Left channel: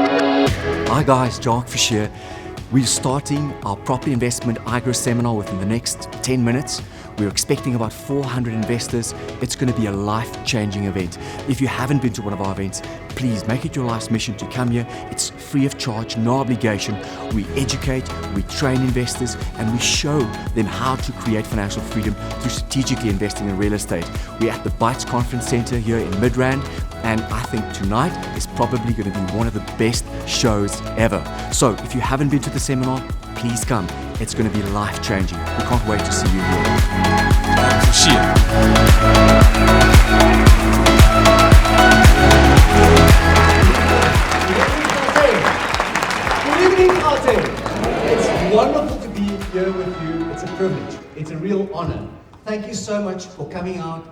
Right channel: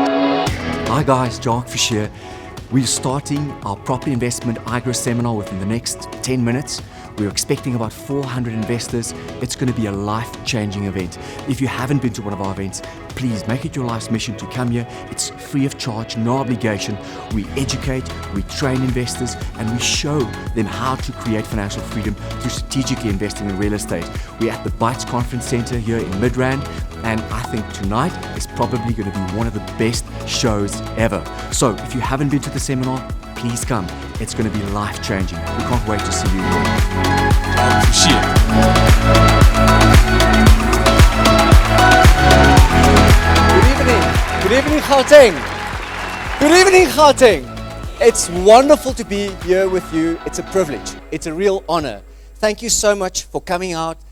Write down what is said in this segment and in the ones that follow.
Hi guys, Jark Fish here. We're starting our property investment IGrow seminar within the next 10 minutes. We're expecting about 400 investors. It's going to be a life-changing event. If you haven't been to one of our events, please make it your life's mission to come here. It's free of charge, no obligation. We educate, we train investors, and we show them how to create financial freedom through strategically investing in real estate. We're at the Bytes Conference Center here in Midrand, and I think tonight is probably going to be one of the best shows ever. So if you haven't been to the seminar, please come. It's going to be life-changing. We can't wait to see you here. Good evening, Gauteng. Good evening, Gauteng. It's wonderful to be here with you. It's a privilege. It's a real honor. Thank you so much for coming out.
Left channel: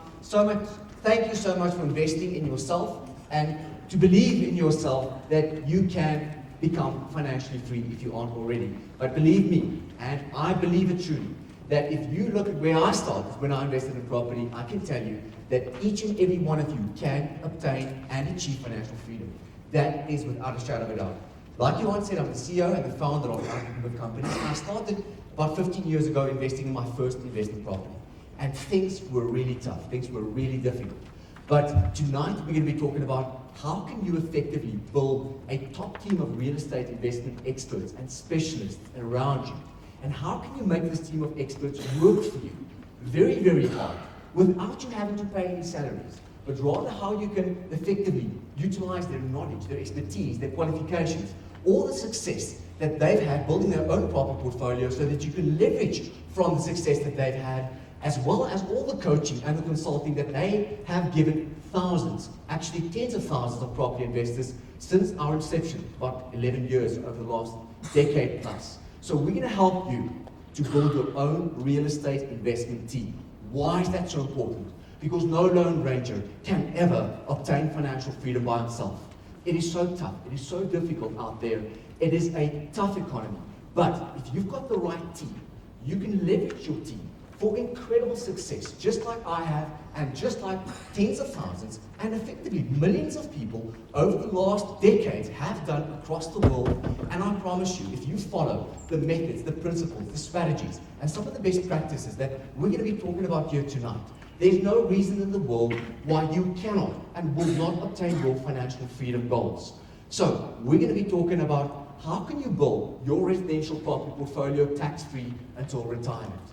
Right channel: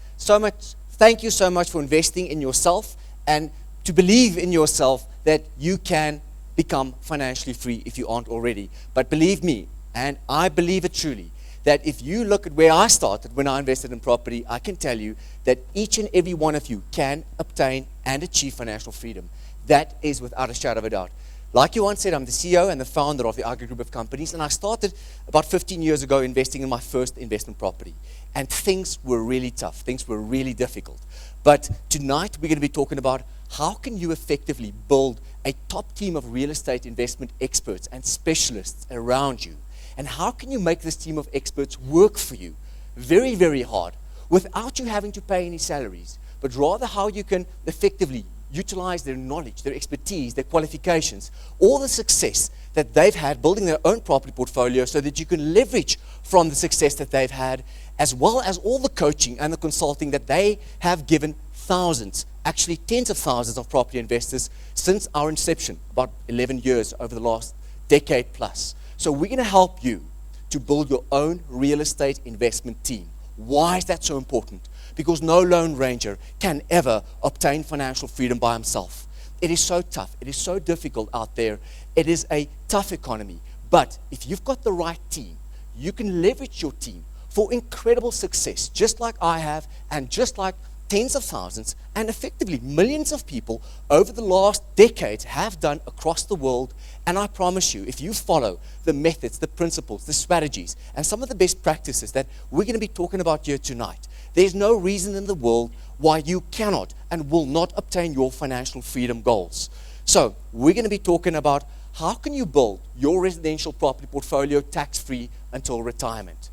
Thank you so much for investing in yourself and to believe in yourself that you can become financially free if you aren't already. But believe me, and I believe it truly, that if you look at where I started when I invested in property, I can tell you that each and every one of you can obtain and achieve financial freedom. That is without a shadow of a doubt. Like you once said, I'm the CEO and the founder of the IGrow group of companies, and I started about 15 years ago investing in my first investment property. And things were really tough, things were really difficult. But tonight we're going to be talking about how can you effectively build a top team of real estate investment experts and specialists around you. And how can you make this team of experts work for you very, very hard without you having to pay any salaries, but rather how you can effectively utilize their knowledge, their expertise, their qualifications, all the success that they've had building their own property portfolio so that you can leverage from the success that they've had, as well as all the coaching and the consulting that they have given thousands, actually tens of thousands of property investors since our inception, about 11 years over the last decade plus. So we're going to help you to build your own real estate investment team. Why is that so important? Because no lone ranger can ever obtain financial freedom by himself. It is so tough. It is so difficult out there. It is a tough economy. But if you've got the right team, you can leverage your team for incredible success, just like I have, and just like tens of thousands, and effectively millions of people over the last decades have done across the world. And I promise you, if you follow the methods, the principles, the strategies, and some of the best practices that we're going to be talking about here tonight, there's no reason in the world why you cannot and will not obtain your financial freedom goals. So we're going to be talking about how can you build your residential property portfolio tax-free until retirement.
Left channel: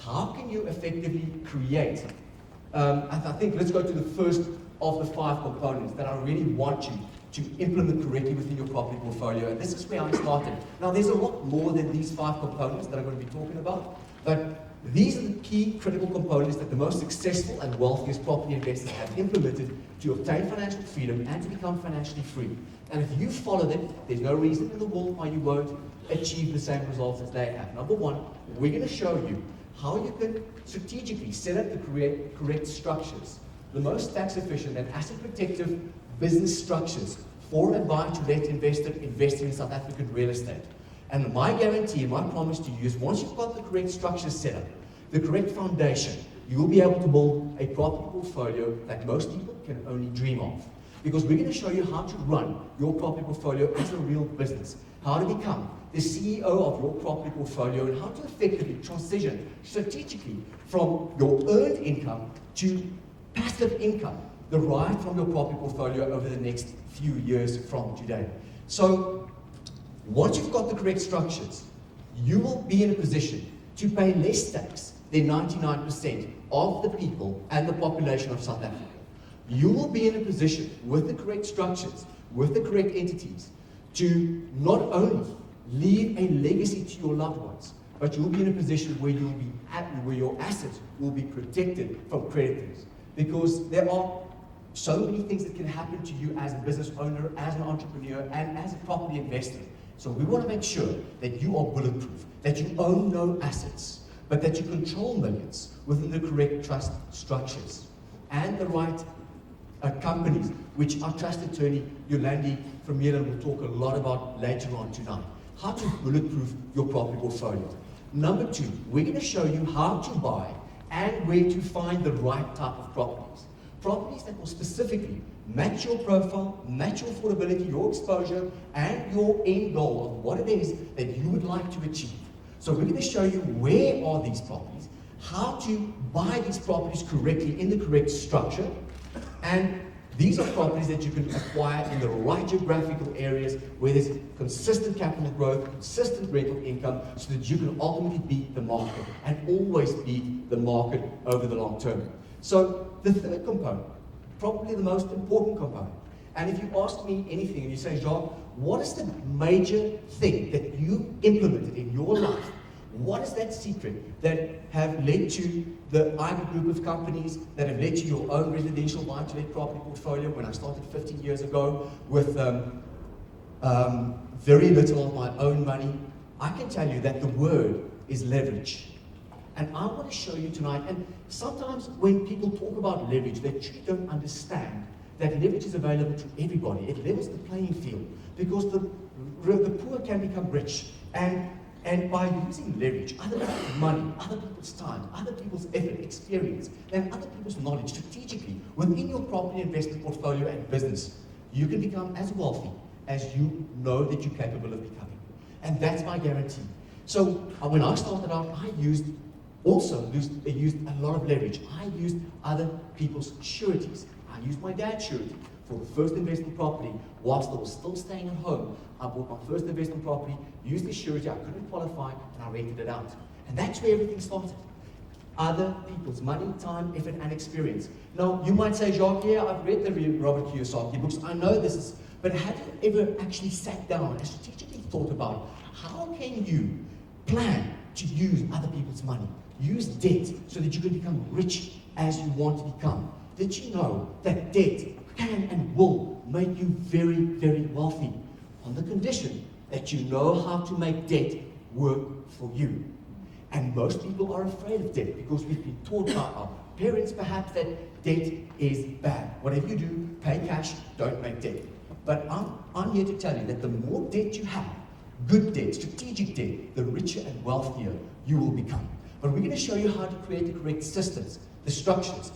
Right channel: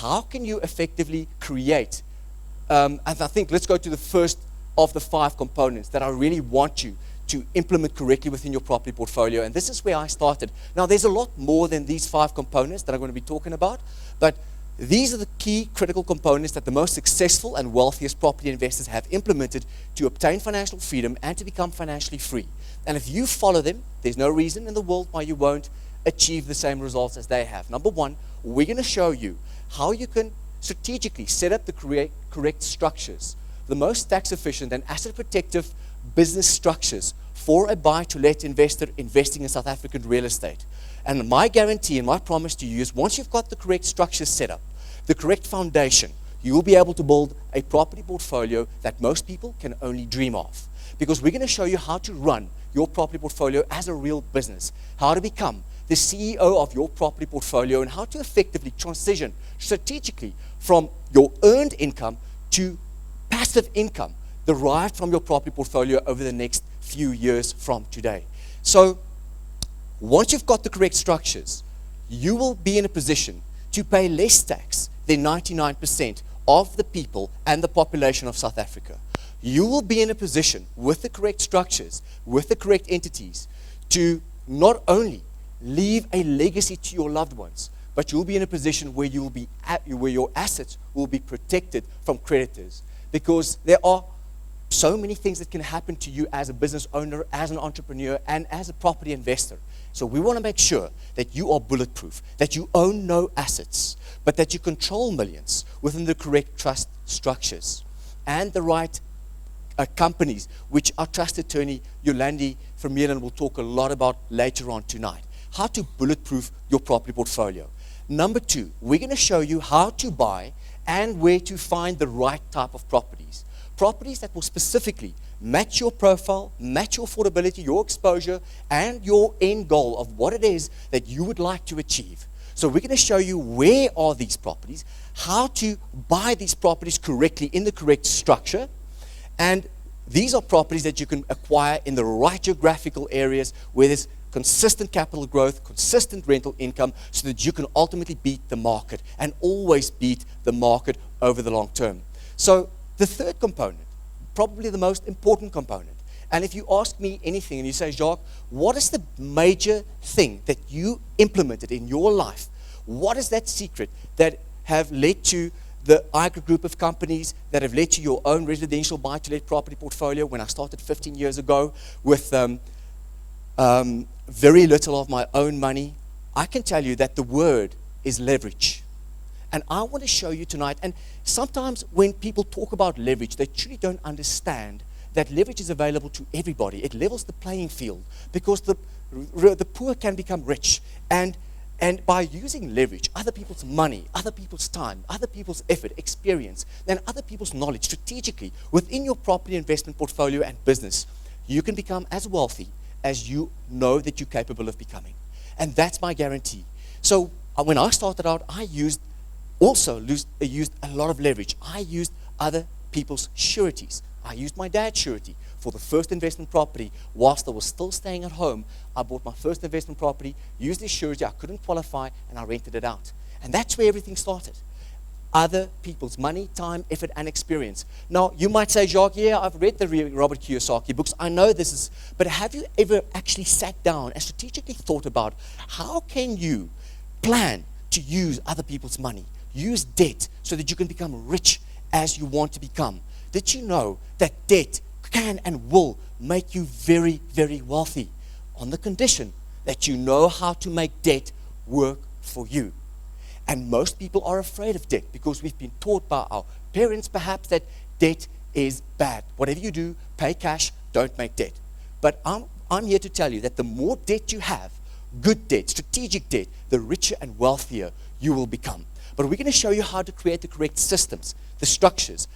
How can you effectively create, and I think let's go to the first of the 5 components that I really want you to implement correctly within your property portfolio, and this is where I started. Now there's a lot more than these 5 components that I'm going to be talking about, but these are the key critical components that the most successful and wealthiest property investors have implemented to obtain financial freedom and to become financially free. And if you follow them, there's no reason in the world why you won't achieve the same results as they have. Number 1, we're going to show you how you can strategically set up the correct structures, the most tax efficient and asset protective business structures for a buy-to-let investor investing in South African real estate. And my guarantee and my promise to you is once you've got the correct structures set up, the correct foundation, you will be able to build a property portfolio that most people can only dream of. Because we're going to show you how to run your property portfolio as a real business, how to become the CEO of your property portfolio, and how to effectively transition strategically from your earned income to passive income derived from your property portfolio over the next few years from today. So once you've got the correct structures, you will be in a position to pay less tax than 99% of the people and the population of South Africa. You will be in a position with the correct structures, with the correct entities, to not only leave a legacy to your loved ones, but you'll be in a position where you'll be where your assets will be protected from creditors. Because there are so many things that can happen to you as a business owner, as an entrepreneur, and as a property investor. So we want to make sure that you are bulletproof, that you own no assets, but that you control millions within the correct trust structures and the right companies, which our trust attorney, Yolandi from Midrand, will talk a lot about later on tonight. How to bulletproof your property portfolio. Number 2, we're going to show you how to buy and where to find the right type of properties. properties that will specifically match your profile, match your affordability, your exposure, and your end goal of what it is that you would like to achieve. So we're going to show you where are these properties, how to buy these properties correctly in the correct structure, and these are properties that you can acquire in the right geographical areas where there's consistent capital growth, consistent rental income, so that you can ultimately beat the market and always beat the market over the long term. So the third component, probably the most important component, and if you ask me anything and you say, Jacques, what is the major thing that you implemented in your life? What is that secret that have led to the IGrow group of companies, that have led to your own residential buy-to-let property portfolio when I started 15 years ago with very little of my own money? I can tell you that the word is leverage. And I want to show you tonight, and sometimes when people talk about leverage, they truly don't understand that leverage is available to everybody. It levels the playing field because the poor can become rich. And by using leverage, other people's money, other people's time, other people's effort, experience, and other people's knowledge strategically within your property investment portfolio and business, you can become as wealthy as you know that you're capable of becoming. And that's my guarantee. So when I started out, I used a lot of leverage. I used other people's sureties. I used my dad's surety for the first investment property. Whilst I was still staying at home, I bought my first investment property, used the surety, I couldn't qualify, and I rented it out. And that's where everything started. Other people's money, time, effort, and experience. Now, you might say, Jacques, yeah, I've read the Robert Kiyosaki books, I know this is, but have you ever actually sat down and strategically thought about how can you plan to use other people's money, use debt, so that you can become rich as you want to become? Did you know that debt can and will make you very, very wealthy on the condition that you know how to make debt work for you? And most people are afraid of debt because we've been taught by our parents perhaps that debt is bad. Whatever you do, pay cash, don't make debt. But I'm here to tell you that the more debt you have, good debt, strategic debt, the richer and wealthier you will become. But we're going to show you how to create the correct systems, the structures,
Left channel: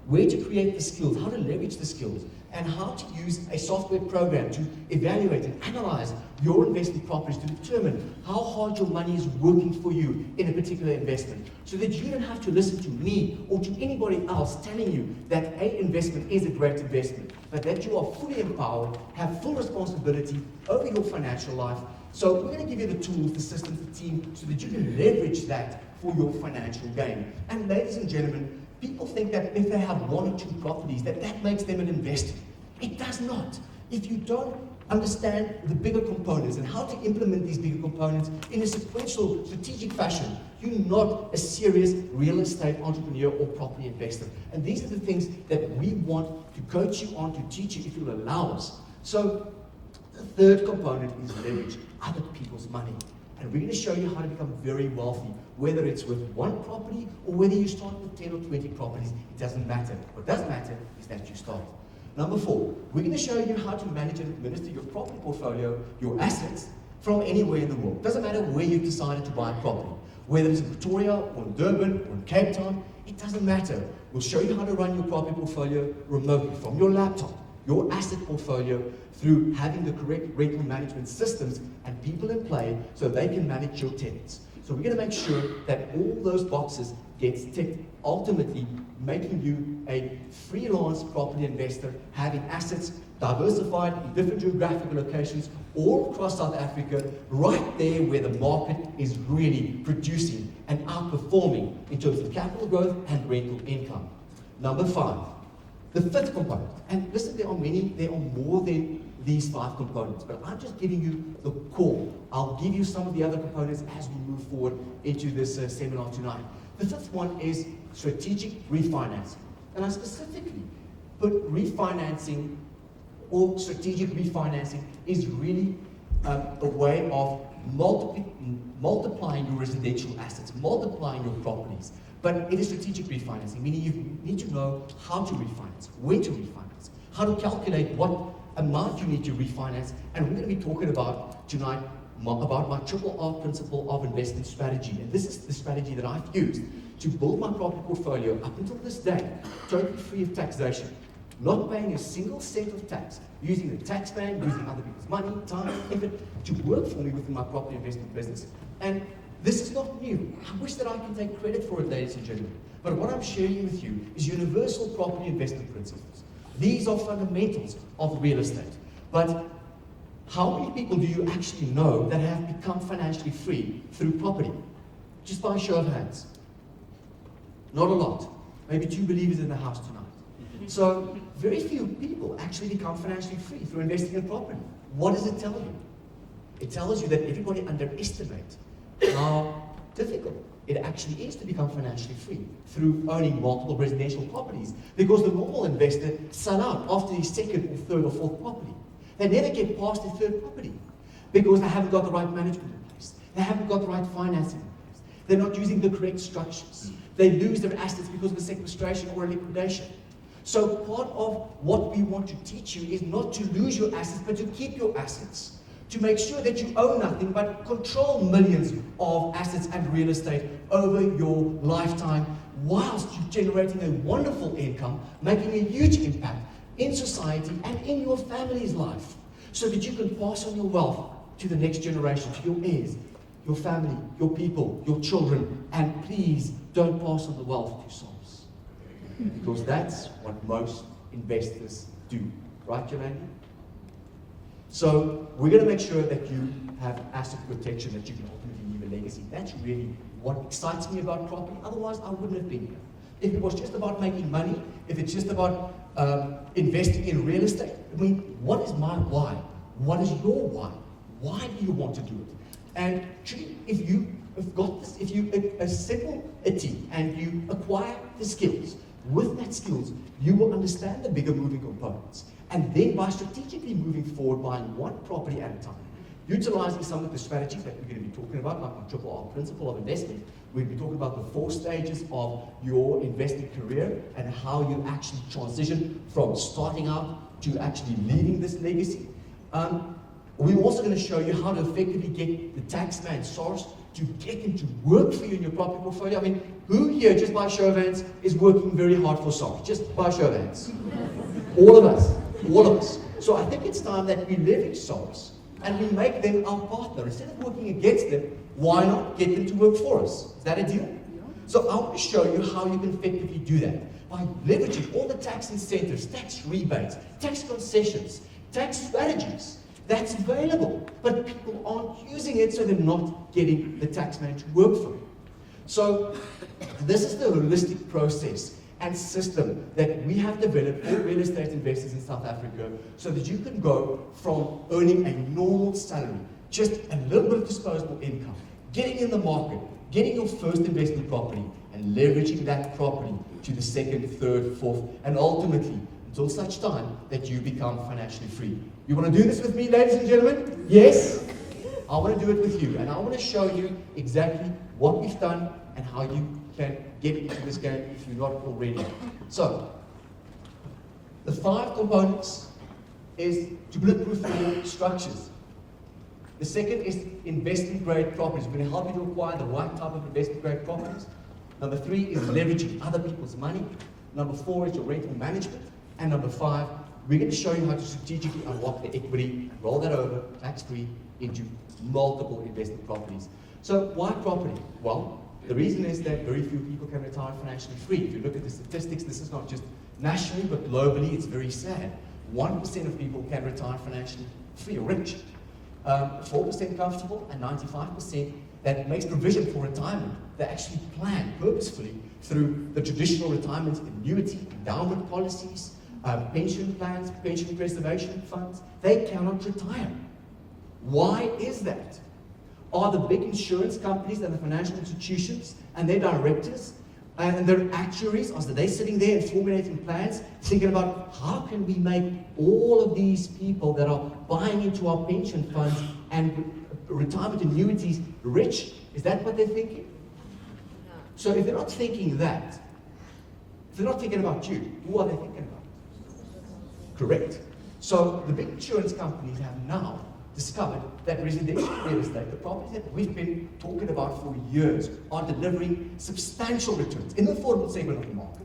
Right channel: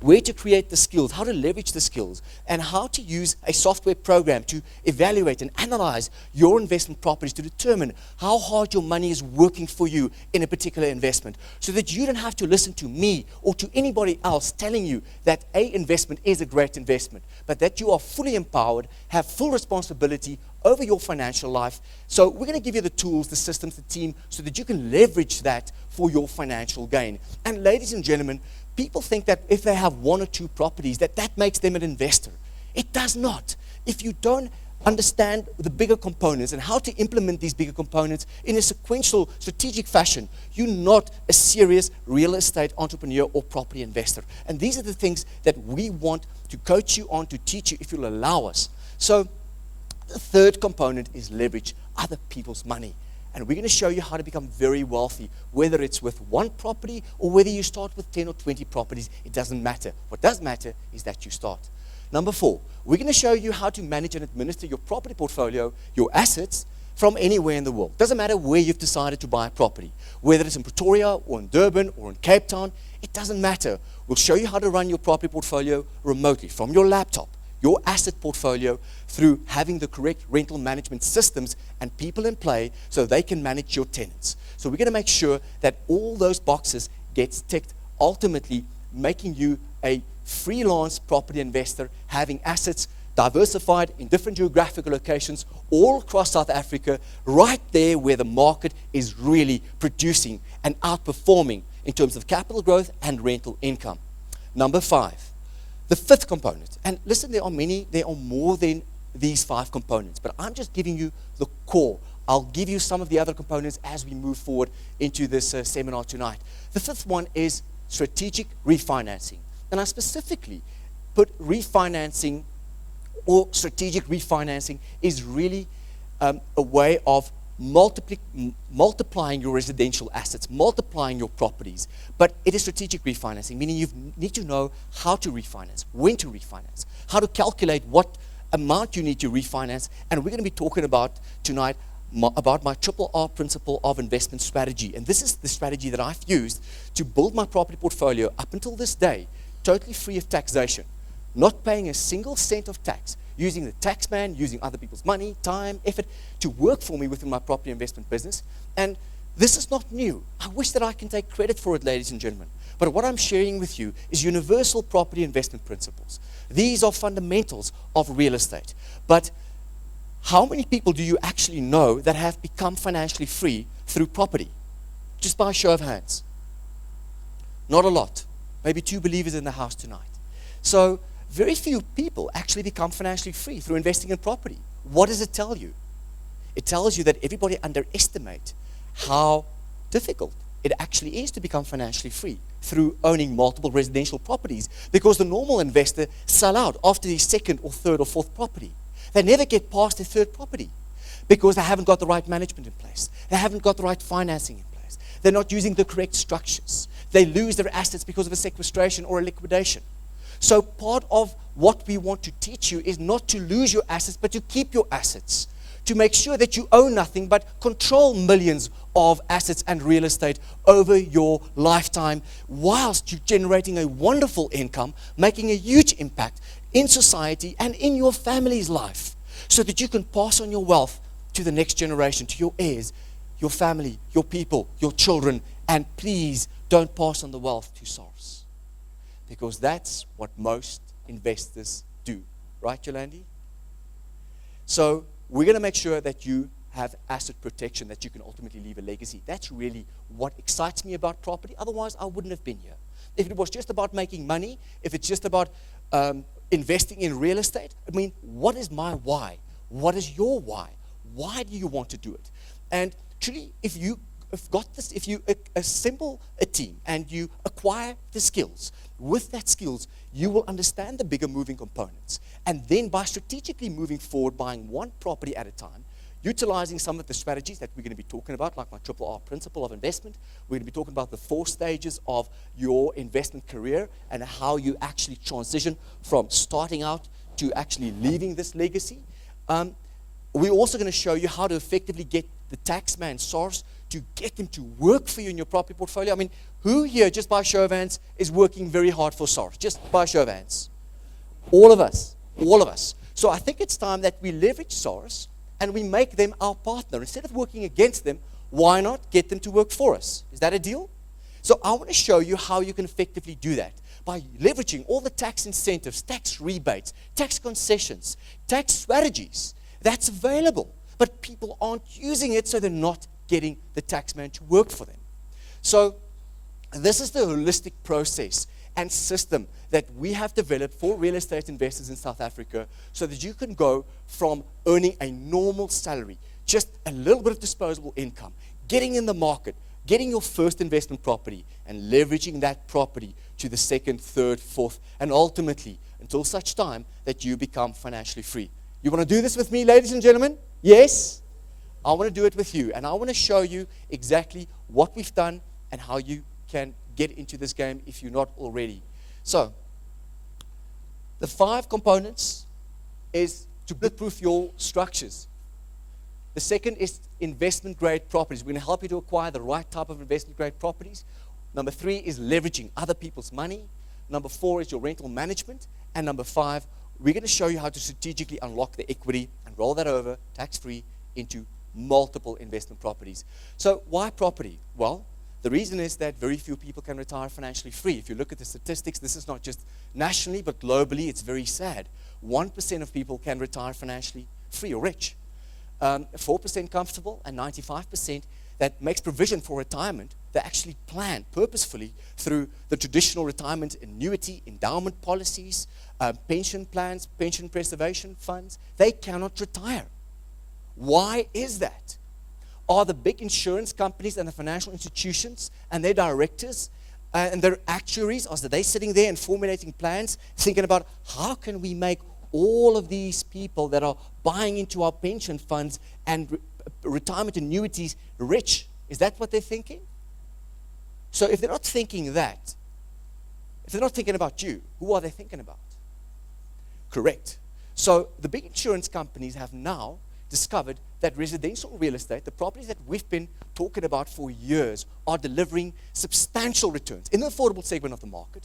where to create the skills, how to leverage the skills, and how to use a software program to evaluate and analyze your investment properties to determine how hard your money is working for you in a particular investment, so that you don't have to listen to me or to anybody else telling you that an investment is a great investment, but that you are fully empowered, have full responsibility over your financial life. So we're going to give you the tools, the systems, the team, so that you can leverage that for your financial gain. And ladies and gentlemen, people think that if they have one or two properties, that makes them an investor. It does not. If you don't understand the bigger components and how to implement these bigger components in a sequential, strategic fashion, you're not a serious real estate entrepreneur or property investor. And these are the things that we want to coach you on, to teach you if you'll allow us. So the third component is leverage other people's money. And we're going to show you how to become very wealthy, whether it's with one property or whether you start with 10 or 20 properties. It doesn't matter. What does matter is that you start. Number 4, we're going to show you how to manage and administer your property portfolio, your assets, from anywhere in the world. Doesn't matter where you've decided to buy a property, whether it's in Pretoria or in Durban or in Cape Town, it doesn't matter. We'll show you how to run your property portfolio remotely from your laptop, your asset portfolio, through having the correct rental management systems and people in play so they can manage your tenants. So we're going to make sure that all those boxes get ticked, ultimately making you a freelance property investor, having assets diversified in different geographical locations all across South Africa, right there where the market is really producing and outperforming in terms of capital growth and rental income. Number 5. The fifth component, and listen, there are more than these 5 components, but I'm just giving you the core. I'll give you some of the other components as we move forward into this seminar tonight. The fifth one is strategic refinancing. And I specifically put refinancing or strategic refinancing is really a way of multiplying your residential assets, multiplying your properties. But it is strategic refinancing, meaning you need to know how to refinance, when to refinance, how to calculate what amount you need to refinance. And we're going to be talking about tonight about my triple R principle of investment strategy. And this is the strategy that I've used to build my property portfolio up until this day, totally free of taxation, not paying a single cent of tax, using the tax man, using other people's money, time, effort to work for me within my property investment business. And this is not new. I wish that I can take credit for it, ladies and gentlemen. But what I'm sharing with you is universal property investment principles. These are fundamentals of real estate. But how many people do you actually know that have become financially free through property? Just by a show of hands. Not a lot. Maybe 2 believers in the house tonight. So very few people actually become financially free through investing in property. What does it tell you? It tells you that everybody underestimates how difficult it actually is to become financially free through owning multiple residential properties, because the normal investor sell out after the second or third or fourth property. They never get past their third property because they haven't got the right management in place. They haven't got the right financing in place. They're not using the correct structures. They lose their assets because of a sequestration or a liquidation. So part of what we want to teach you is not to lose your assets, but to keep your assets. To make sure that you own nothing but control millions of assets and real estate over your lifetime, whilst you're generating a wonderful income, making a huge impact in society and in your family's life, so that you can pass on your wealth to the next generation, to your heirs, your family, your people, your children, and please don't pass on the wealth to souls. Because that's what most investors do. Right, Yolandi? So we're going to make sure that you have asset protection, that you can ultimately leave a legacy. That's really what excites me about property. Otherwise, I wouldn't have been here. If it was just about making money, if it's just about investing in real estate, I mean, what is my why? What is your why? Why do you want to do it? And truly, if you have got this, if you assemble a team and you acquire the skills, with that skills, you will understand the bigger moving components. And then by strategically moving forward, buying one property at a time, utilizing some of the strategies that we're going to be talking about, like my triple R principle of investment. We're going to be talking about the 4 stages of your investment career and how you actually transition from starting out to actually leaving this legacy. We're also going to show you how to effectively get the taxman SARS to get them to work for you in your property portfolio. I mean, who here, just by show of hands, is working very hard for SARS? Just by show of hands. All of us. All of us. So I think it's time that we leverage SARS and we make them our partner. Instead of working against them, why not get them to work for us? Is that a deal? So I want to show you how you can effectively do that by leveraging all the tax incentives, tax rebates, tax concessions, tax strategies that's available. But people aren't using it, so they're not getting the taxman to work for them. So this is the holistic process and system that we have developed for real estate investors in South Africa, so that you can go from earning a normal salary, just a little bit of disposable income, getting in the market, getting your first investment property, and leveraging that property to the second, third, fourth, and ultimately until such time that you become financially free. You want to do this with me, ladies and gentlemen? Yes? I want to do it with you, and I want to show you exactly what we've done and how you can get into this game if you're not already. So, the 5 components is to bulletproof your structures. The second is investment grade properties. We're going to help you to acquire the right type of investment grade properties. Number 3 is leveraging other people's money. Number 4 is your rental management. And number 5, we're going to show you how to strategically unlock the equity and roll that over tax-free into multiple investment properties. So why property? Well, the reason is that very few people can retire financially free. If you look at the statistics, this is not just nationally, but globally, it's very sad. 1% of people can retire financially free or rich. 4% comfortable, and 95% that makes provision for retirement. They actually plan purposefully through the traditional retirement annuity, endowment policies, pension plans, pension preservation funds. They cannot retire. Why is that? Are the big insurance companies and the financial institutions and their directors and their actuaries, are they sitting there and formulating plans, thinking about how can we make all of these people that are buying into our pension funds and retirement annuities rich? Is that what they're thinking? So if they're not thinking that, if they're not thinking about you, who are they thinking about? Correct. So the big insurance companies have now discovered that residential real estate, the properties that we've been talking about for years, are delivering substantial returns in the affordable segment of the market.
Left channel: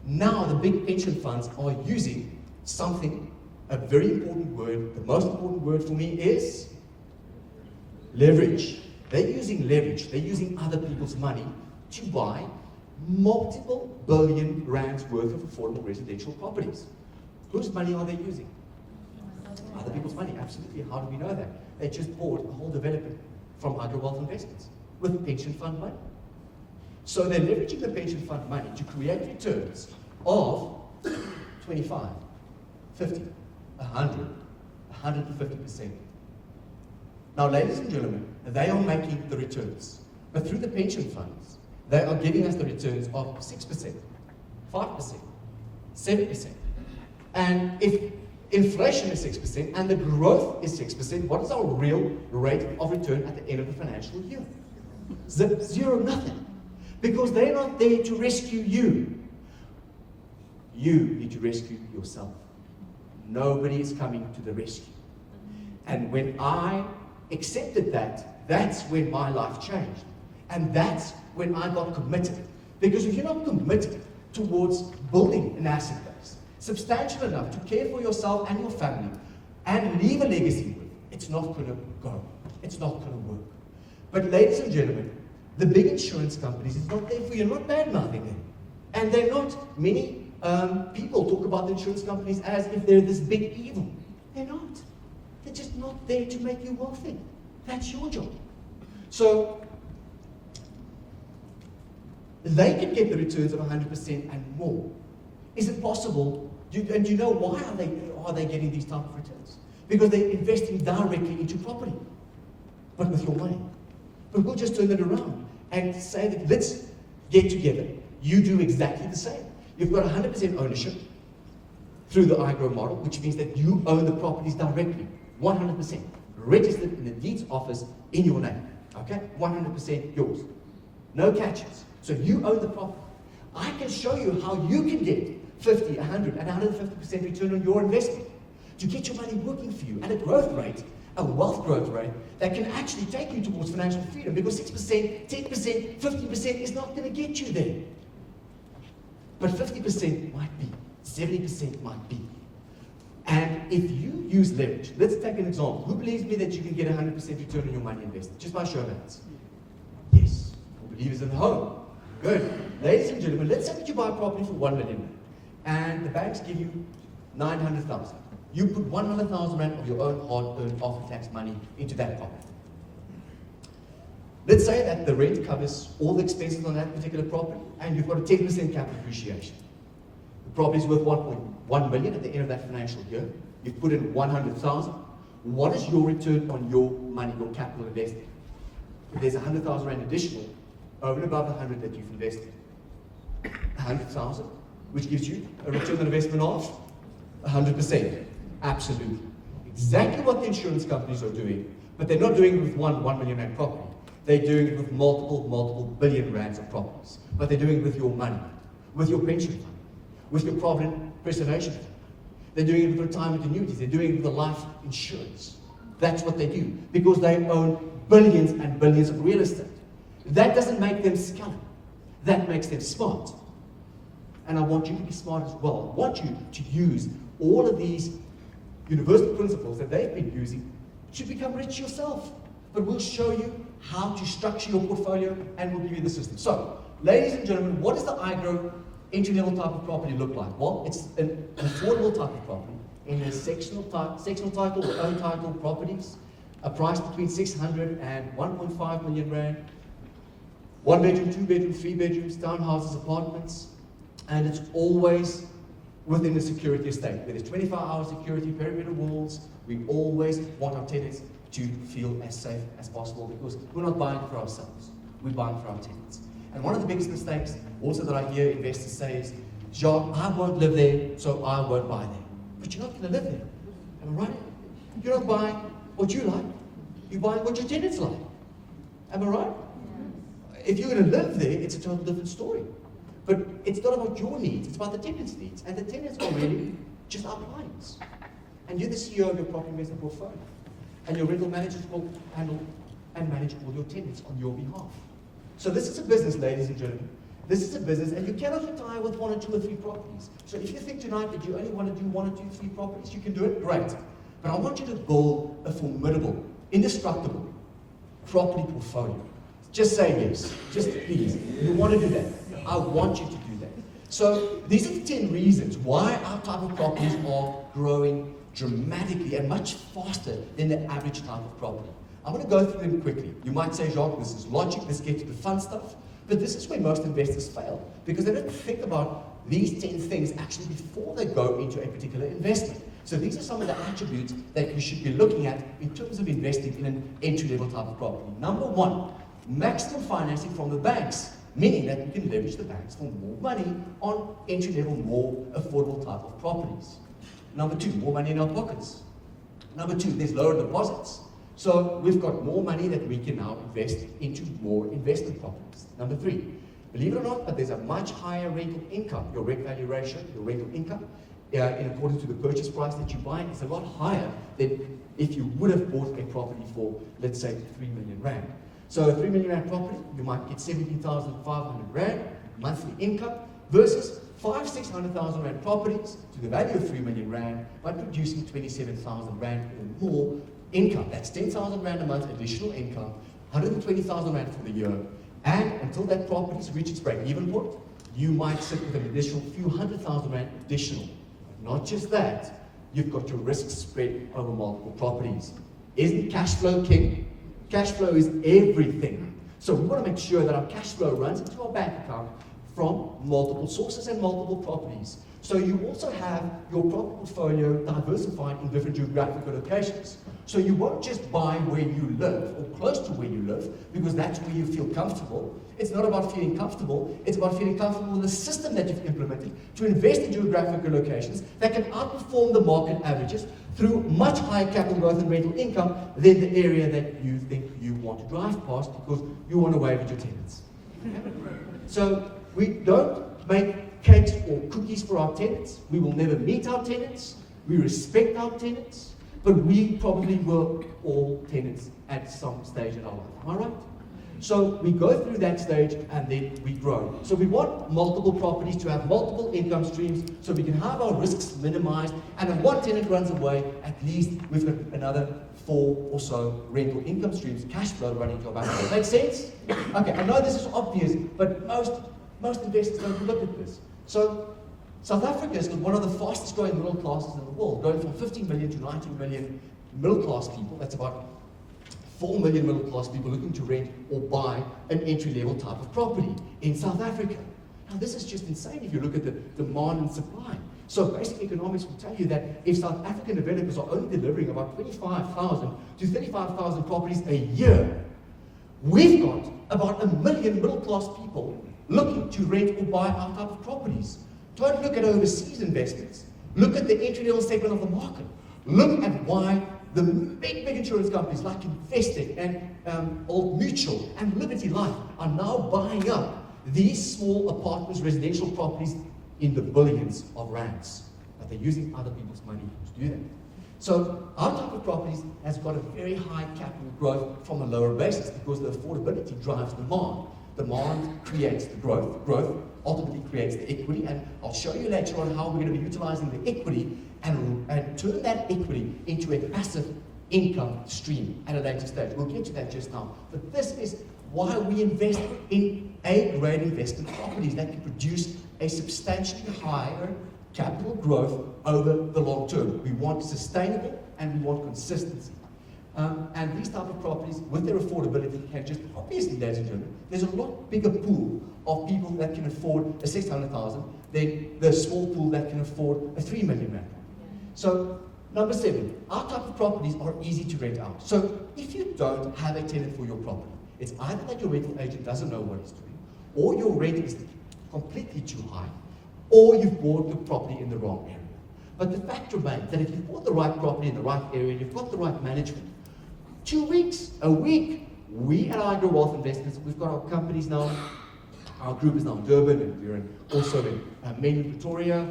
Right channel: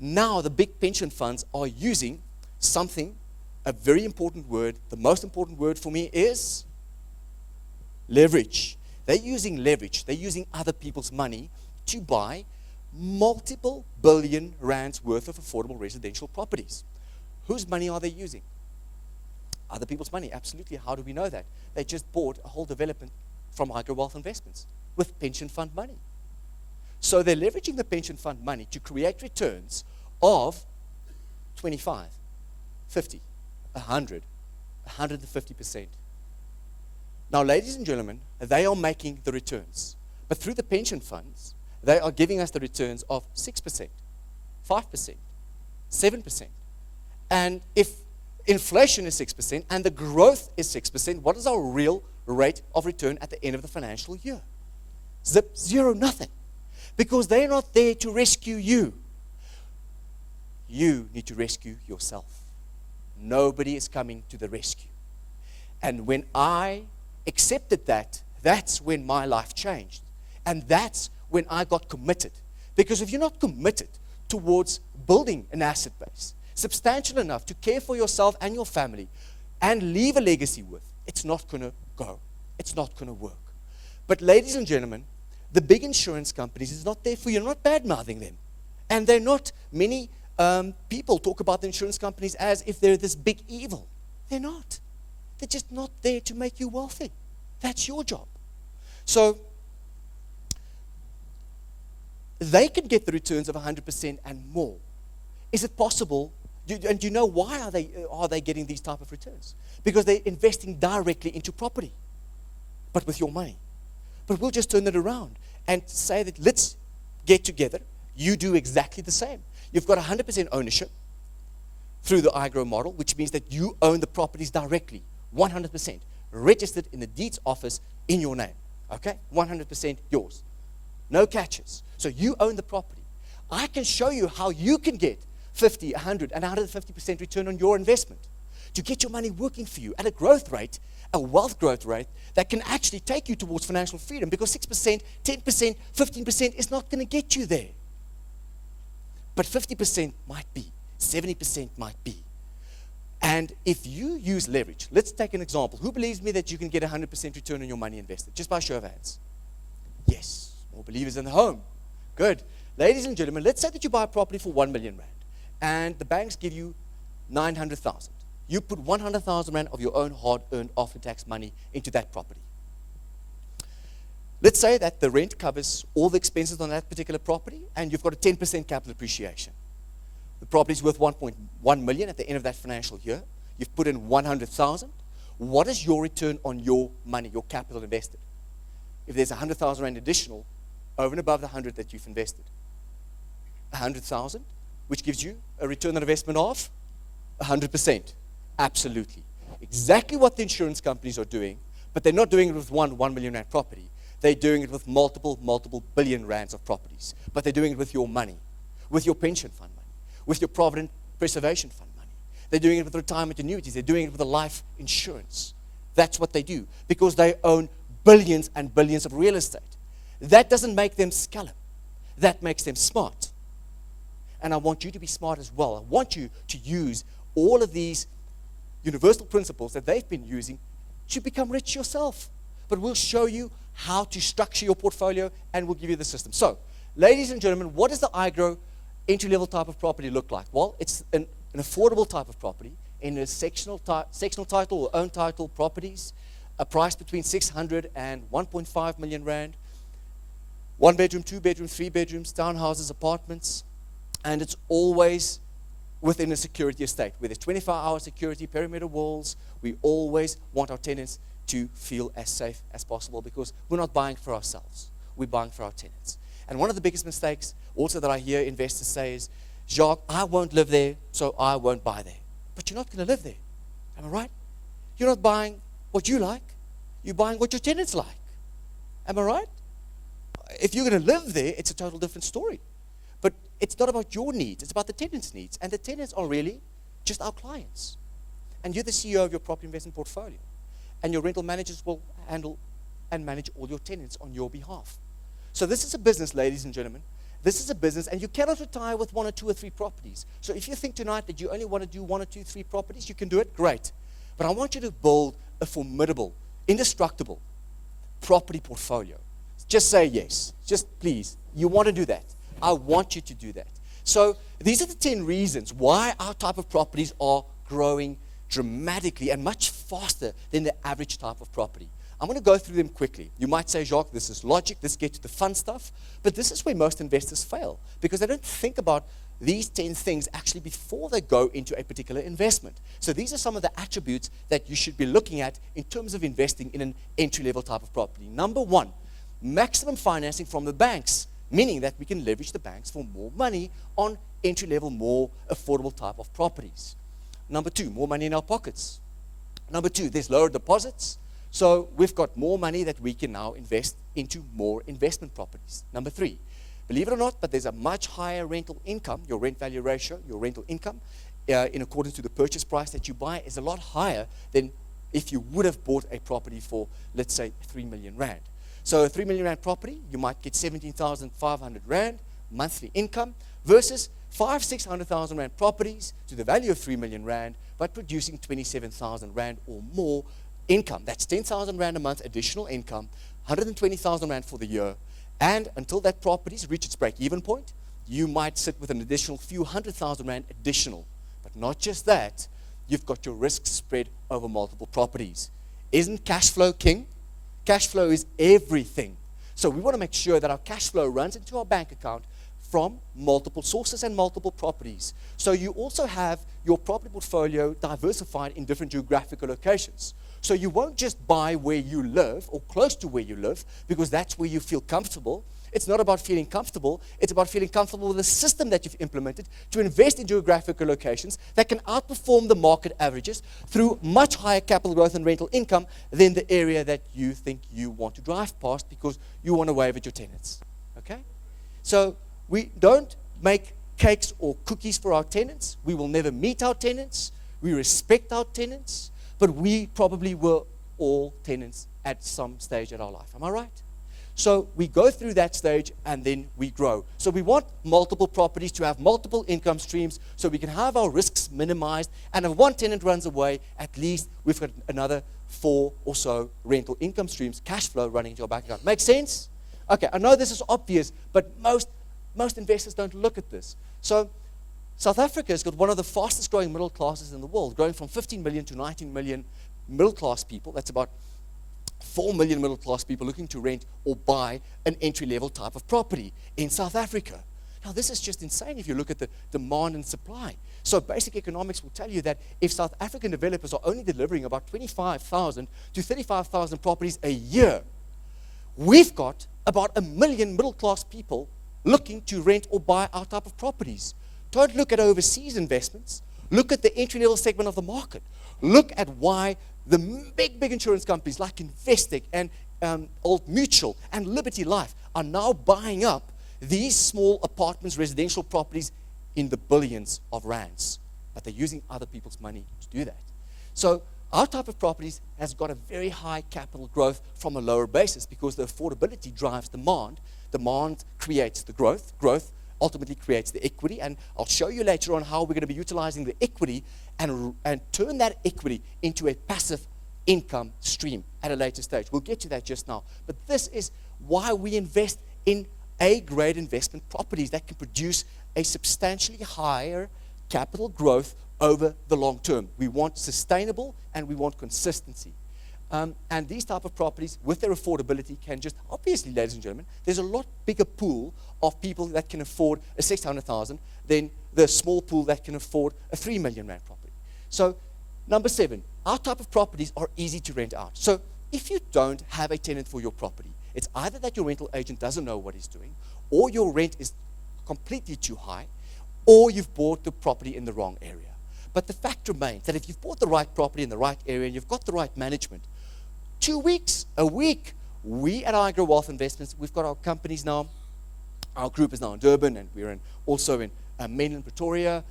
Now the big pension funds are using something, a very important word, the most important word for me is leverage. They're using leverage, they're using other people's money to buy multiple billion rands worth of affordable residential properties. Whose money are they using? Other people's money, absolutely. How do we know that? They just bought a whole development from IGrow Wealth Investments with pension fund money. So they're leveraging the pension fund money to create returns of 25, 50, 100, 150%. Now, ladies and gentlemen, they are making the returns. But through the pension funds, they are giving us the returns of 6%, 5%, 7%. And if inflation is 6% and the growth is 6%, what is our real rate of return at the end of the financial year? Zero, nothing. Because they're not there to rescue you. You need to rescue yourself. Nobody is coming to the rescue. And when I accepted that, that's when my life changed. And that's when I got committed. Because if you're not committed towards building an asset base, substantial enough to care for yourself and your family, and leave a legacy with, it's not going to go. It's not going to work. But ladies and gentlemen, the big insurance companies is not there for you. Not bad-mouthing them. And they're not, many people talk about the insurance companies as if they're this big evil. They're not. They're just not there to make you wealthy. That's your job. So they can get the returns of 100% and more. Is it possible? And do you know why are they getting these type of returns? Because they're investing directly into property, but with your money. But we'll just turn it around and say that let's get together. You do exactly the same. You've got 100% ownership through the IGrow model, which means that you own the properties directly, 100%, registered in the deeds office in your name. Okay? 100% yours. No catches. So you own the property. I can show you how you can get 50, 100, and 150% return on your investment to get your money working for you at a growth rate, a wealth growth rate that can actually take you towards financial freedom, because 6%, 10%, 15% is not going to get you there. But 50% might be, 70% might be. And if you use leverage, let's take an example. Who believes me that you can get 100% return on your money invested? Just by show of hands. Yes. More believers in the home. Good. Ladies and gentlemen, let's say that you buy a property for 1 million rand, and the banks give you 900,000. You put 100,000 rand of your own hard-earned after-tax money into that property. Let's say that the rent covers all the expenses on that particular property, and you've got a 10% capital appreciation. The property is worth 1.1 million at the end of that financial year. You've put in 100,000. What is your return on your money, your capital invested? If there's 100,000 rand additional, over and above the 100 that you've invested, 100,000, which gives you a return on investment of 100%. Absolutely. Exactly what the insurance companies are doing, but they're not doing it with 1 million rand property. They're doing it with multiple billion rands of properties. But they're doing it with your money, with your pension fund, with your provident preservation fund. They're doing it with retirement annuities. They're doing it with the life insurance. That's what they do, because they own billions and billions of real estate. That doesn't make them sculled. That makes them smart. And I want you to be smart as well. I want you to use all of these universal principles that they've been using to become rich yourself. But we'll show you how to structure your portfolio, and we'll give you the system. So, ladies and gentlemen, what does the IGrow entry-level type of property look like? Well, it's an affordable type of property in a sectional title or own title properties, a price between 600 and 1.5 million rand. 1 bedroom, 2 bedroom, 3 bedrooms, townhouses, apartments, and it's always within a security estate, where there's 24-hour security, perimeter walls. We always want our tenants to feel as safe as possible, because we're not buying for ourselves, we're buying for our tenants. And one of the biggest mistakes also that I hear investors say is, Jacques, I won't live there, so I won't buy there. But you're not going to live there, am I right? You're not buying what you like, you're buying what your tenants like. Am I right? If you're going to live there, it's a total different story. But it's not about your needs, it's about the tenants' needs. And the tenants are really just our clients. And you're the CEO of your property investment portfolio. and your rental managers will handle and manage all your tenants on your behalf. So this is a business, ladies and gentlemen. This is a business, and you cannot retire with 1 or 2 or 3 properties. So if you think tonight that you only want to do 1 or 2, 3 properties, you can do it, great. But I want you to build a formidable, indestructible property portfolio. Just say yes. Just please. You want to do that. I want you to do that. So these are the 10 reasons why our type of properties are growing dramatically and much faster than the average type of property. I'm going to go through them quickly. You might say, Jacques, this is logic. Let's get to the fun stuff. But this is where most investors fail, because they don't think about these 10 things actually before they go into a particular investment. So these are some of the attributes that you should be looking at in terms of investing in an entry-level type of property. Number 1, maximum financing from the banks, meaning that we can leverage the banks for more money on entry-level, more affordable type of properties. Number 2, more money in our pockets. Number 2, there's lower deposits. So we've got more money that we can now invest into more investment properties. Number 3, believe it or not, but there's a much higher rental income. Your rent value ratio, your rental income, in accordance to the purchase price that you buy, is a lot higher than if you would have bought a property for, let's say, 3 million rand. So a 3 million rand property, you might get 17,500 rand monthly income versus 500,000-600,000 rand properties to the value of 3 million rand, but producing 27,000 rand or more income. That's 10,000 rand a month additional income, 120,000 rand for the year, and until that property reaches break-even point, you might sit with an additional few 100,000 rand additional. But not just that, you've got your risk spread over multiple properties. Isn't cash flow king? Cash flow is everything. So we want to make sure that our cash flow runs into our bank account from multiple sources and multiple properties. So you also have your property portfolio diversified in different geographical locations. So you won't just buy where you live or close to where you live because that's where you feel comfortable. It's not about feeling comfortable. It's about feeling comfortable with the system that you've implemented to invest in geographical locations that can outperform the market averages through much higher capital growth and rental income than the area that you think you want to drive past because you want to wave at your tenants. Okay? So we don't make cakes or cookies for our tenants. We will never meet our tenants. We respect our tenants. But we probably were all tenants at some stage in our life. Am I right? So we go through that stage and then we grow. So we want multiple properties to have multiple income streams so we can have our risks minimized. And if one tenant runs away, at least we've got another 4 or so rental income streams, cash flow running into our bank account. Make sense? Okay, I know this is obvious, but most investors don't look at this. So South Africa is one of the fastest growing middle classes in the world, growing from 15 million to 19 million middle class people. That's about 4 million middle class people looking to rent or buy an entry level type of property in South Africa. Now this is just insane if you look at the demand and supply. So basic economics will tell you that if South African developers are only delivering about 25,000 to 35,000 properties a year, we've got about 1 million middle class people looking to rent or buy our type of properties. Don't look at overseas investments. Look at the entry-level segment of the market. Look at why the big insurance companies like Investec and Old Mutual and Liberty Life are now buying up these small apartments, residential properties in the billions of rands. But they're using other people's money to do that. So our type of properties has got a very high capital growth from a lower basis because the affordability drives demand. Demand creates the growth. Growth ultimately creates the equity. And I'll show you later on how we're going to be utilizing the equity and turn that equity into a passive income stream at a later stage. We'll get to that just now. But this is why we invest in A-grade investment properties that can produce a substantially higher capital growth over the long term. We want sustainable and we want consistency. And these type of properties, with their affordability, can just, obviously, ladies and gentlemen, there's a lot bigger pool of people that can afford a 600,000 than the small pool that can afford a 3 million rand property. So, number 7, our type of properties are easy to rent out. So, if you don't have a tenant for your property, it's either that your rental agent doesn't know what he's doing, or your rent is completely too high, or you've bought the property in the wrong area. But the fact remains that if you've bought the right property in the right area, and you've got the right management, 2 weeks, a week, we at IGrow Wealth Investments, we've got our companies now. Our group is now in Durban, and we're also in Mainland Pretoria.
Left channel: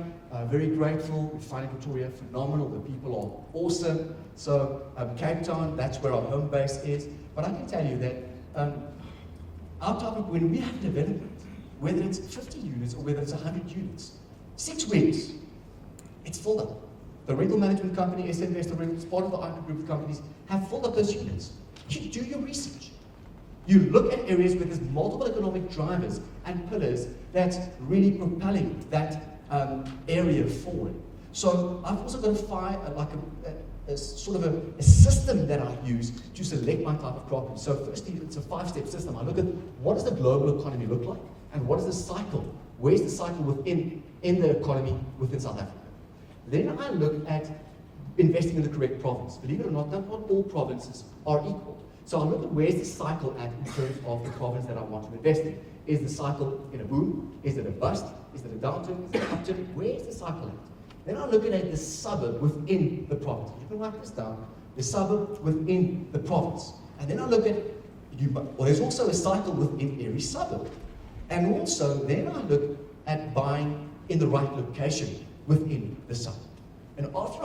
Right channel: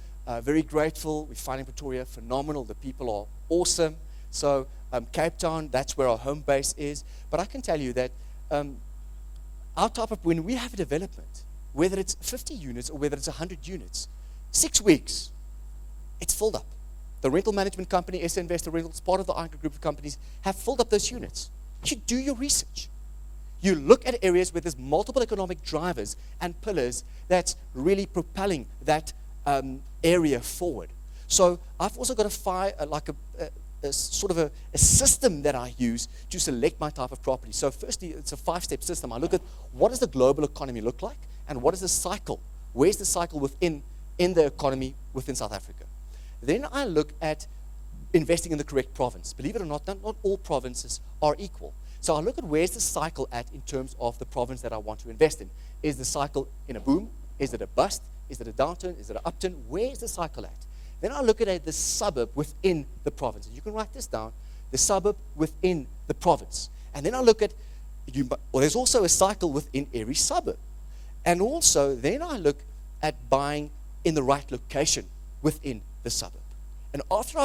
Very grateful. We find Pretoria phenomenal. The people are awesome. So Cape Town, that's where our home base is. But I can tell you that our type of, when we have development, whether it's 50 units or whether it's 100 units, 6 weeks, it's filled up. The rental management company, SA Investor Rentals, part of the IGrow group of companies, have filled up those units. You do your research. You look at areas where there's multiple economic drivers and pillars that's really propelling that area forward. So I've also got a sort of a system that I use to select my type of property. So firstly, it's a 5-step system. I look at what does the global economy look like, and what is the cycle? Where's the cycle within the economy within South Africa? Then I look at investing in the correct province. Believe it or not all provinces are equal. So I look at where's the cycle at in terms of the province that I want to invest in. Is the cycle in a boom? Is it a bust? Is it a downturn? Is it an upturn? Where's the cycle at? Then I look at the suburb within the province. You can write this down. The suburb within the province. And then I look at, there's also a cycle within every suburb. And also, then I look at buying in the right location within the suburb. And after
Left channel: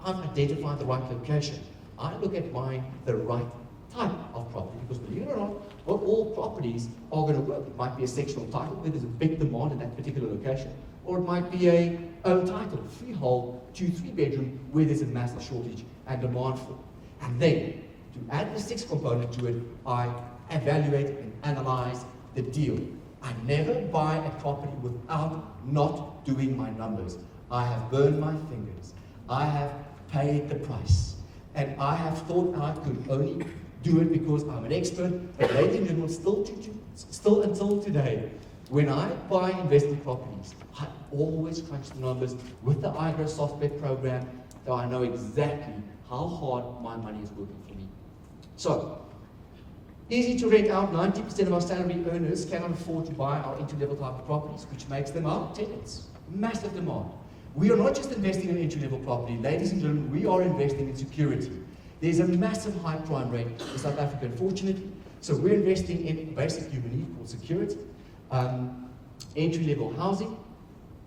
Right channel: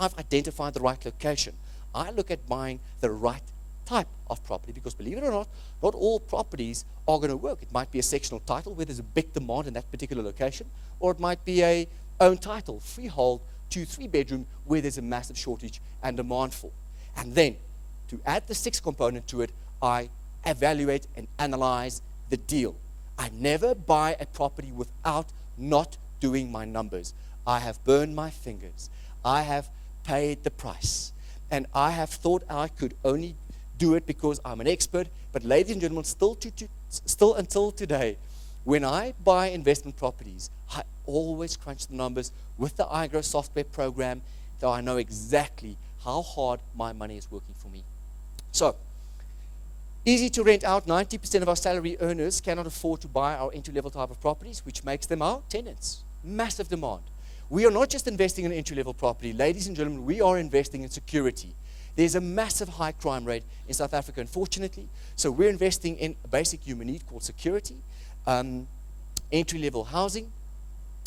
I've identified the right location, I look at buying the right type of property, because believe it or not all properties are going to work. It might be a sectional title where there's a big demand in that particular location, or it might be a own title, freehold, 2-3 bedroom, where there's a massive shortage and demand for. And then, to add the 6th component to it, I evaluate and analyze the deal. I never buy a property without not doing my numbers. I have burned my fingers. I have paid the price. And I have thought I could only do it because I'm an expert. But ladies and gentlemen, still until today, when I buy investment properties, I always crunch the numbers with the IGrow software program, so I know exactly how hard my money is working for me. So, easy to rent out. 90% of our salary earners cannot afford to buy our entry-level type of properties, which makes them our tenants. Massive demand. We are not just investing in entry-level property. Ladies and gentlemen, we are investing in security. There's a massive high crime rate in South Africa, unfortunately. So we're investing in basic human need called security, entry-level housing,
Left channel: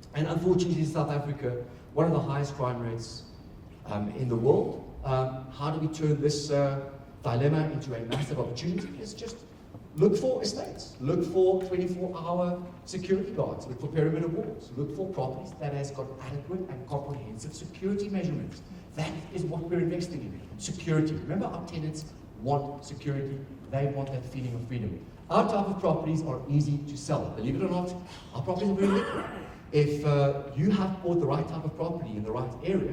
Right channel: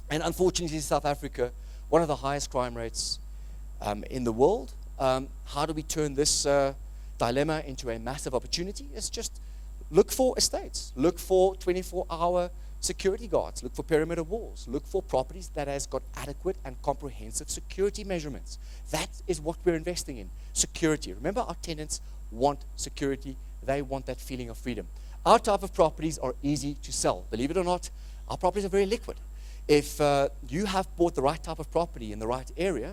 and unfortunately in South Africa, one of the highest crime rates in the world. How do we turn this dilemma into a massive opportunity? It's just look for estates, look for 24-hour security guards, look for perimeter walls, look for properties that has got adequate and comprehensive security measurements. That is what we're investing in, security. Remember, our tenants want security. They want that feeling of freedom. Our type of properties are easy to sell. Believe it or not, our properties are very liquid. If you have bought the right type of property in the right area,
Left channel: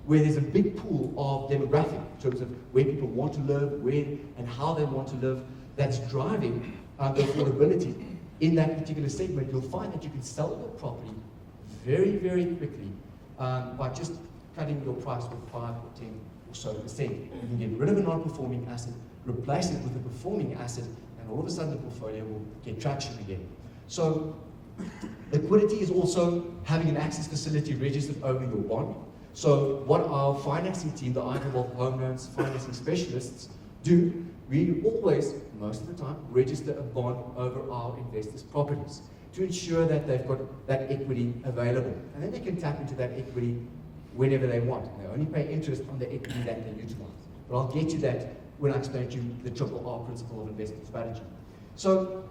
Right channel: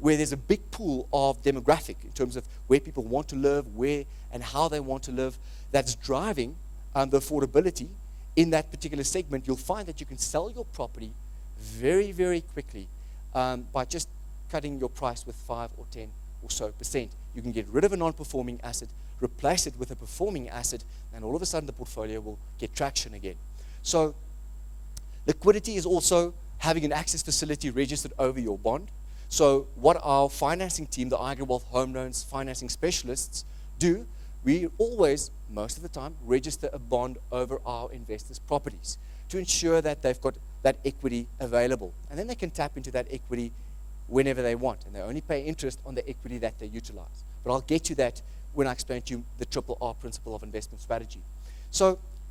where there's a big pool of demographic in terms of where people want to live, where and how they want to live, that's driving the affordability in that particular segment, you'll find that you can sell your property very, very quickly by just cutting your price with 5 or 10 or so percent. You can get rid of a non-performing asset, replace it with a performing asset, and all of a sudden the portfolio will get traction again. So liquidity is also having an access facility registered over your bond. So what our financing team, the IGrow Home Loans financing specialists, do, we always, most of the time, register a bond over our investors' properties to ensure that they've got that equity available. And then they can tap into that equity whenever they want. They only pay interest on the equity that they utilize. But I'll get to that when I explain to you the triple R principle of investment strategy. So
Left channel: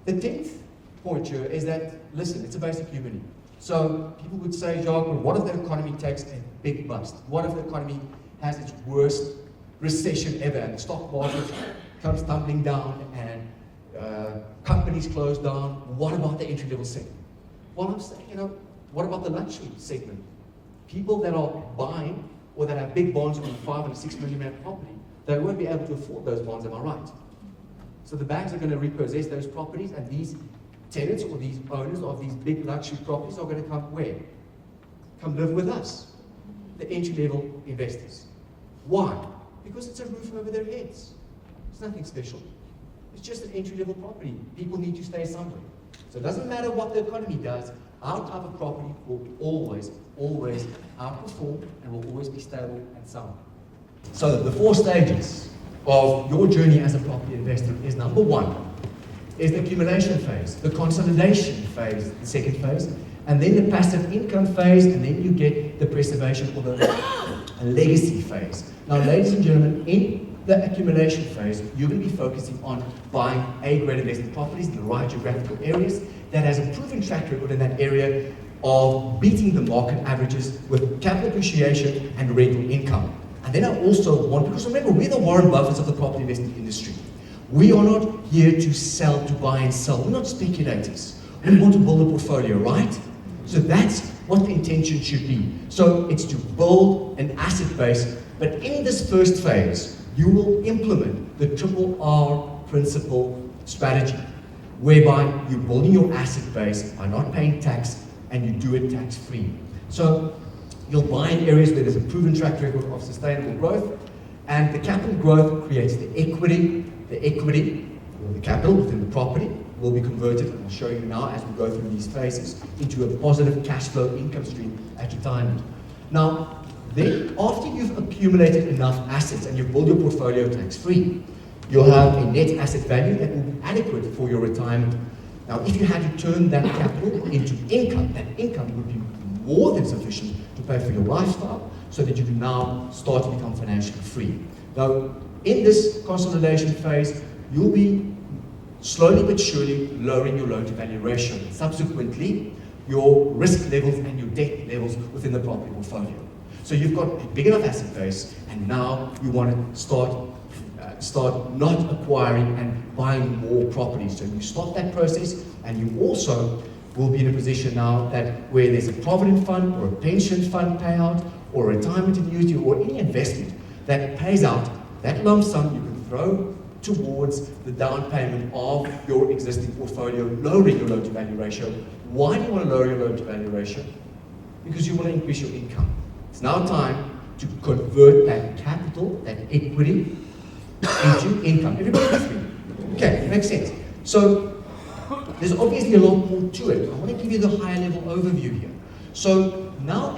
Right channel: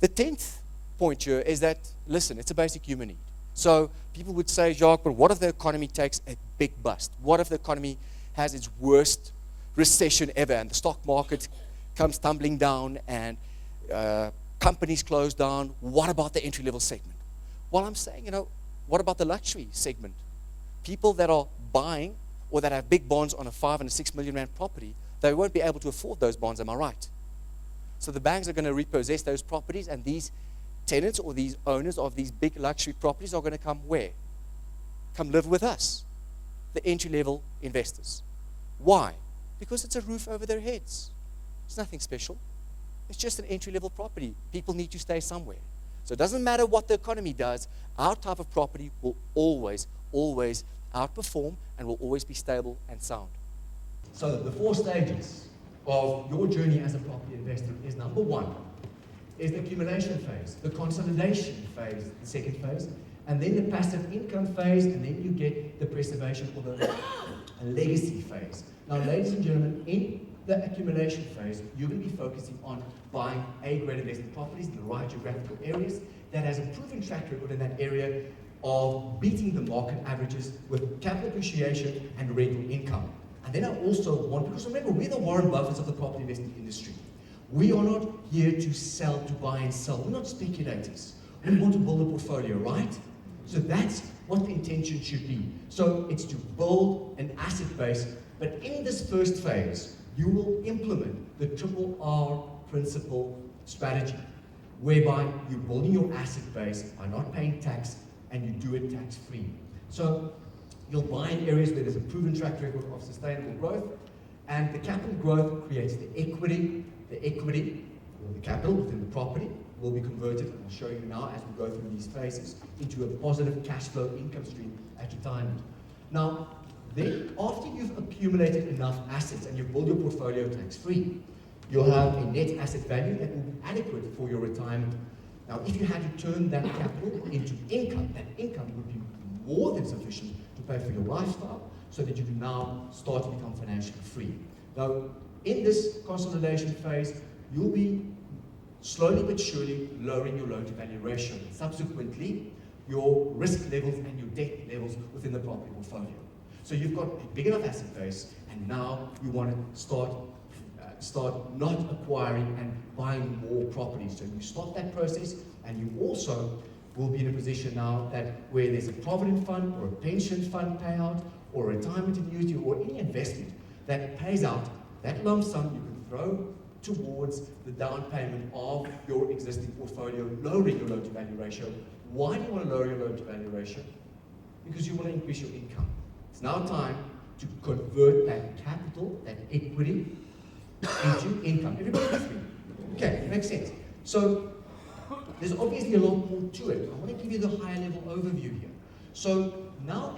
the 10th point here is that, listen, it's a basic human need. So people would say, Jacques, but what if the economy takes a big bust? What if the economy has its worst recession ever and the stock market comes tumbling down and companies close down? What about the entry-level segment? Well, I'm saying, what about the luxury segment? People that are buying or that have big bonds on a 5 and a 6 million rand property, they won't be able to afford those bonds, am I right? So the banks are going to repossess those properties, and these tenants or these owners of these big luxury properties are going to come where? Come live with us, the entry-level investors. Why? Because it's a roof over their heads. It's nothing special. It's just an entry-level property. People need to stay somewhere. So it doesn't matter what the economy does, our type of property will always, always outperform and will always be stable and sound. So the 4 stages of your journey as a property investor is, number 1, is the accumulation phase, the consolidation phase, the 2nd phase, and then the passive income phase, and then you get the preservation or the legacy phase, Now, ladies and gentlemen, in the accumulation phase, you're going to be focusing on buying A-grade investment properties in the right geographical areas that has a proven track record in that area of beating the market averages with capital appreciation and rental income. And then I also want, because remember, we're the Warren Buffetts of the property investment industry. We are not here to sell, to buy and sell. We're not speculators. We want to build a portfolio, right? So that's what the intention should be. So it's to build an asset base, but in this first phase, you will implement the triple R principle strategy, whereby you're building your asset base by not paying tax, and you do it tax-free. So you'll buy in areas where there's a proven track record of sustainable growth, and the capital growth creates the equity, or the capital within the property will be converted, and I'll show you now as we go through these phases, into a positive cash flow income stream at retirement. Now, then after you've accumulated enough assets and you've built your portfolio tax-free, you'll have a net asset value that will be adequate for your retirement. Now, if you had to turn that capital into income, that income would be more than sufficient to pay for your lifestyle so that you can now start to become financially free. Now, in this consolidation phase, you'll be slowly but surely lowering your loan-to-value ratio, and subsequently your risk levels and your debt levels within the property portfolio. So you've got a big enough asset base, and now you want to start not acquiring and buying more properties. So you start that process, and you also will be in a position now that where there's a provident fund or a pension fund payout or a retirement annuity or any investment that pays out, that lump sum you can throw towards the down payment of your existing portfolio, lowering your loan-to-value ratio. Why do you want to lower your loan-to-value ratio? Because you want to increase your income. It's now time to convert that capital, that equity, into income. Everybody with me? Okay, makes sense. So there's obviously a lot more to it. I want to give you the higher level overview here. So now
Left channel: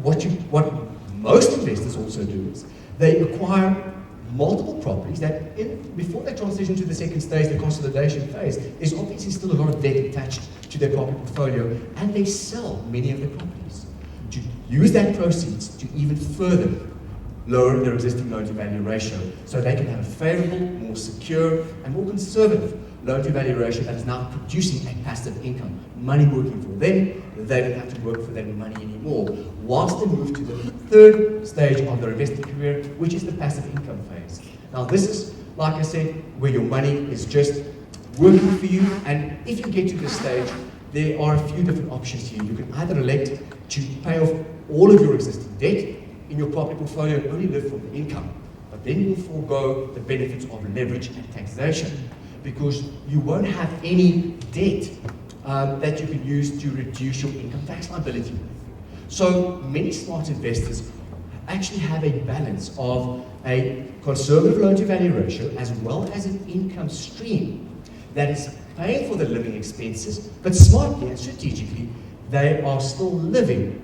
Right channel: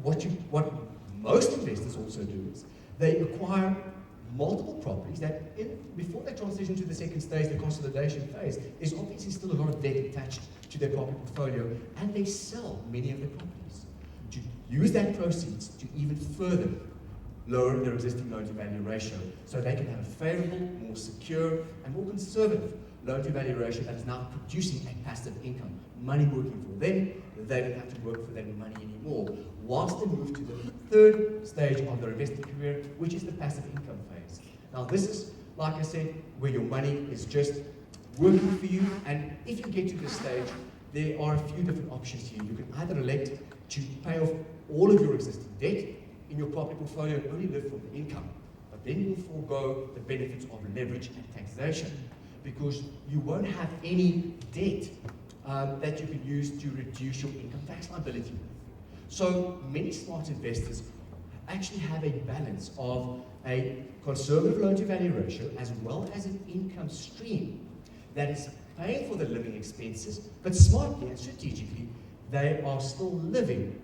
what most investors also do is they acquire multiple properties that before they transition to the second stage, the consolidation phase, there's obviously still a lot of debt attached to their property portfolio, and they sell many of their properties to use that proceeds to even further lower their existing loan-to-value ratio, so they can have a favorable, more secure, and more conservative loan-to-value ratio that is now producing a passive income, money working for them. They don't have to work for that money anymore, whilst they move to the third stage of their investing career, which is the passive income phase. Now, this is, like I said, where your money is just working for you, and if you get to this stage, there are a few different options here. You can either elect to pay off all of your existing debt in your property portfolio and only live from the income, but then you'll forego the benefits of leverage and taxation, because you won't have any debt that you can use to reduce your income tax liability. So many smart investors actually have a balance of a conservative loan-to-value ratio as well as an income stream that is paying for the living expenses, but smartly and strategically, they are still living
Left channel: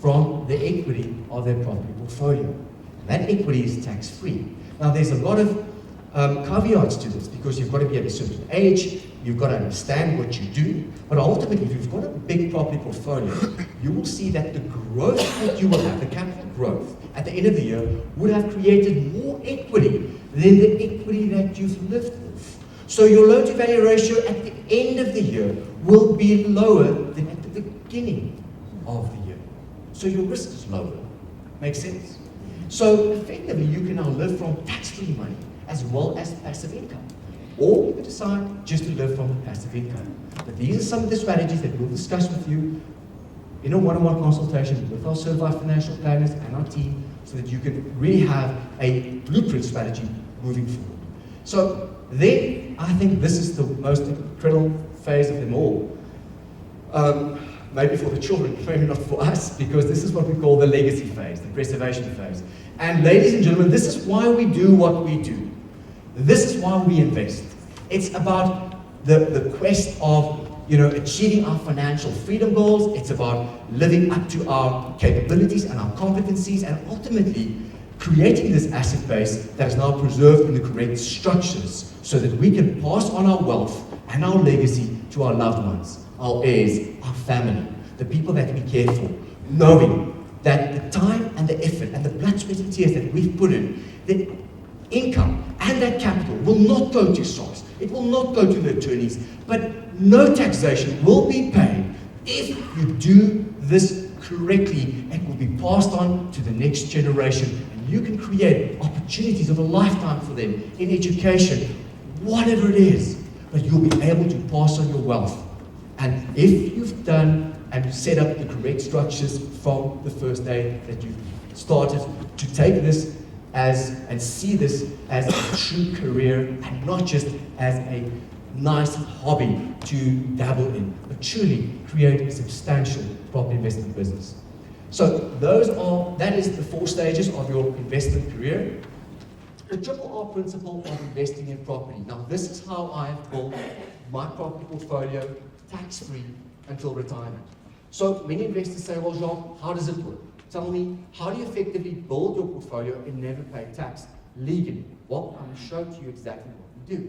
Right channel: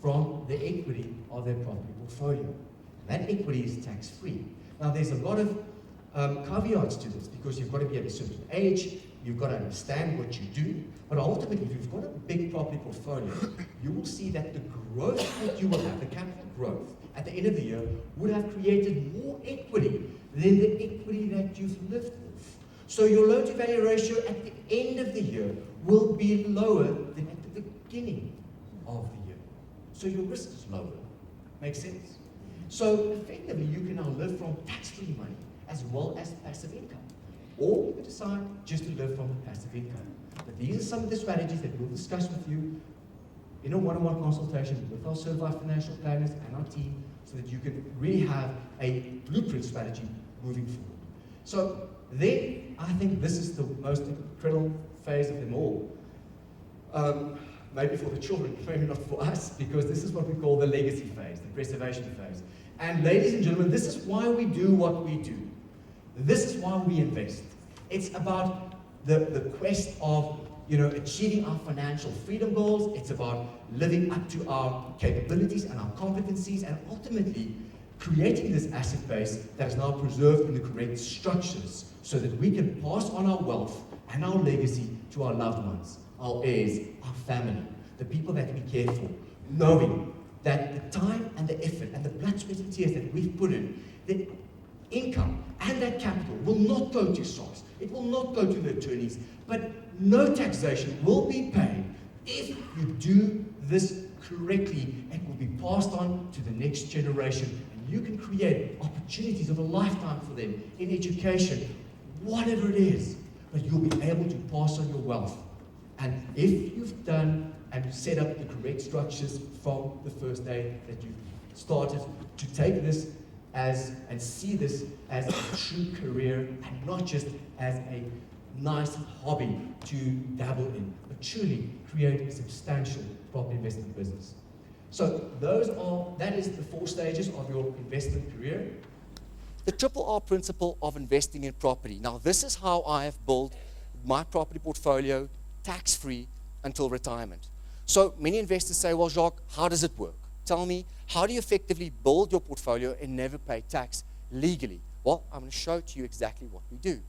from the equity of their property portfolio. That equity is tax-free. Now, there's a lot of caveats to this, because you've got to be at a certain age, you've got to understand what you do, but ultimately, if you've got a big property portfolio, you will see that the growth that you will have, the capital growth, at the end of the year, would have created more equity than the equity that you've lived with. So your loan-to-value ratio at the end of the year will be lower than at the beginning of the year. So your risk is lower. Makes sense? So effectively, you can now live from tax-free money as well as passive income. Or you can decide just to live from the passive income. But these are some of the strategies that we'll discuss with you in a one-on-one consultation with our certified financial planners and our team, so that you can really have a blueprint strategy moving forward. So then, I think this is the most incredible phase of them all. Maybe for the children, maybe not for us, because this is what we call the legacy phase, the preservation phase. And ladies and gentlemen, this is why we do what we do. This is why we invest. It's about the quest of achieving our financial freedom goals. It's about living up to our capabilities and our competencies, and ultimately creating this asset base that is now preserved in the correct structures, so that we can pass on our wealth and our legacy to our loved ones, our heirs, our family, the people that we care for, knowing that the time and the effort and the blood, sweat and tears that we've put in, the income and that capital will not go to SARS. It will not go to the attorneys, but no taxation will be paid if you do this correctly. It will be passed on to the next generation, and you can create opportunities of a lifetime for them in education, whatever it is, but you'll be able to pass on your wealth. And if you've done and set up the correct structures from the first day that you've started to take this as and see this as a true career and not just as a nice hobby to dabble in, but truly create a substantial property investment business. So that is the 4 stages of your investment career. The triple R principle of investing in property. Now this is how I've built my property portfolio tax-free until retirement. So many investors say, well, Jacques, how does it work? Tell me, how do you effectively build your portfolio and never pay tax legally? Well, I'm showing to you exactly what we do.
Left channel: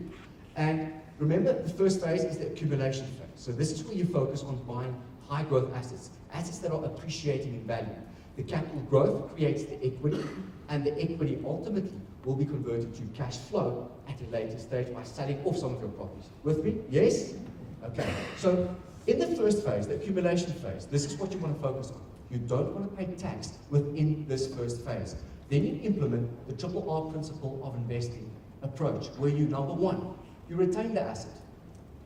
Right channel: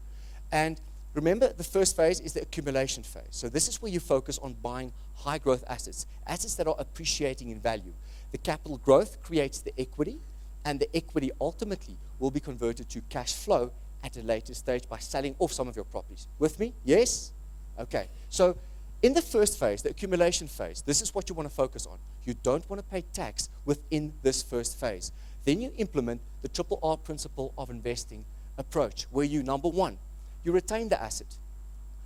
And remember, the first phase is the accumulation phase. So this is where you focus on buying high growth assets, assets that are appreciating in value. The capital growth creates the equity, and the equity ultimately will be converted to cash flow at a later stage by selling off some of your properties. With me? Yes? Okay. So in the first phase, the accumulation phase, this is what you want to focus on. You don't want to pay tax within this first phase. Then you implement the triple R principle of investing approach, where you, number 1, you retain the asset.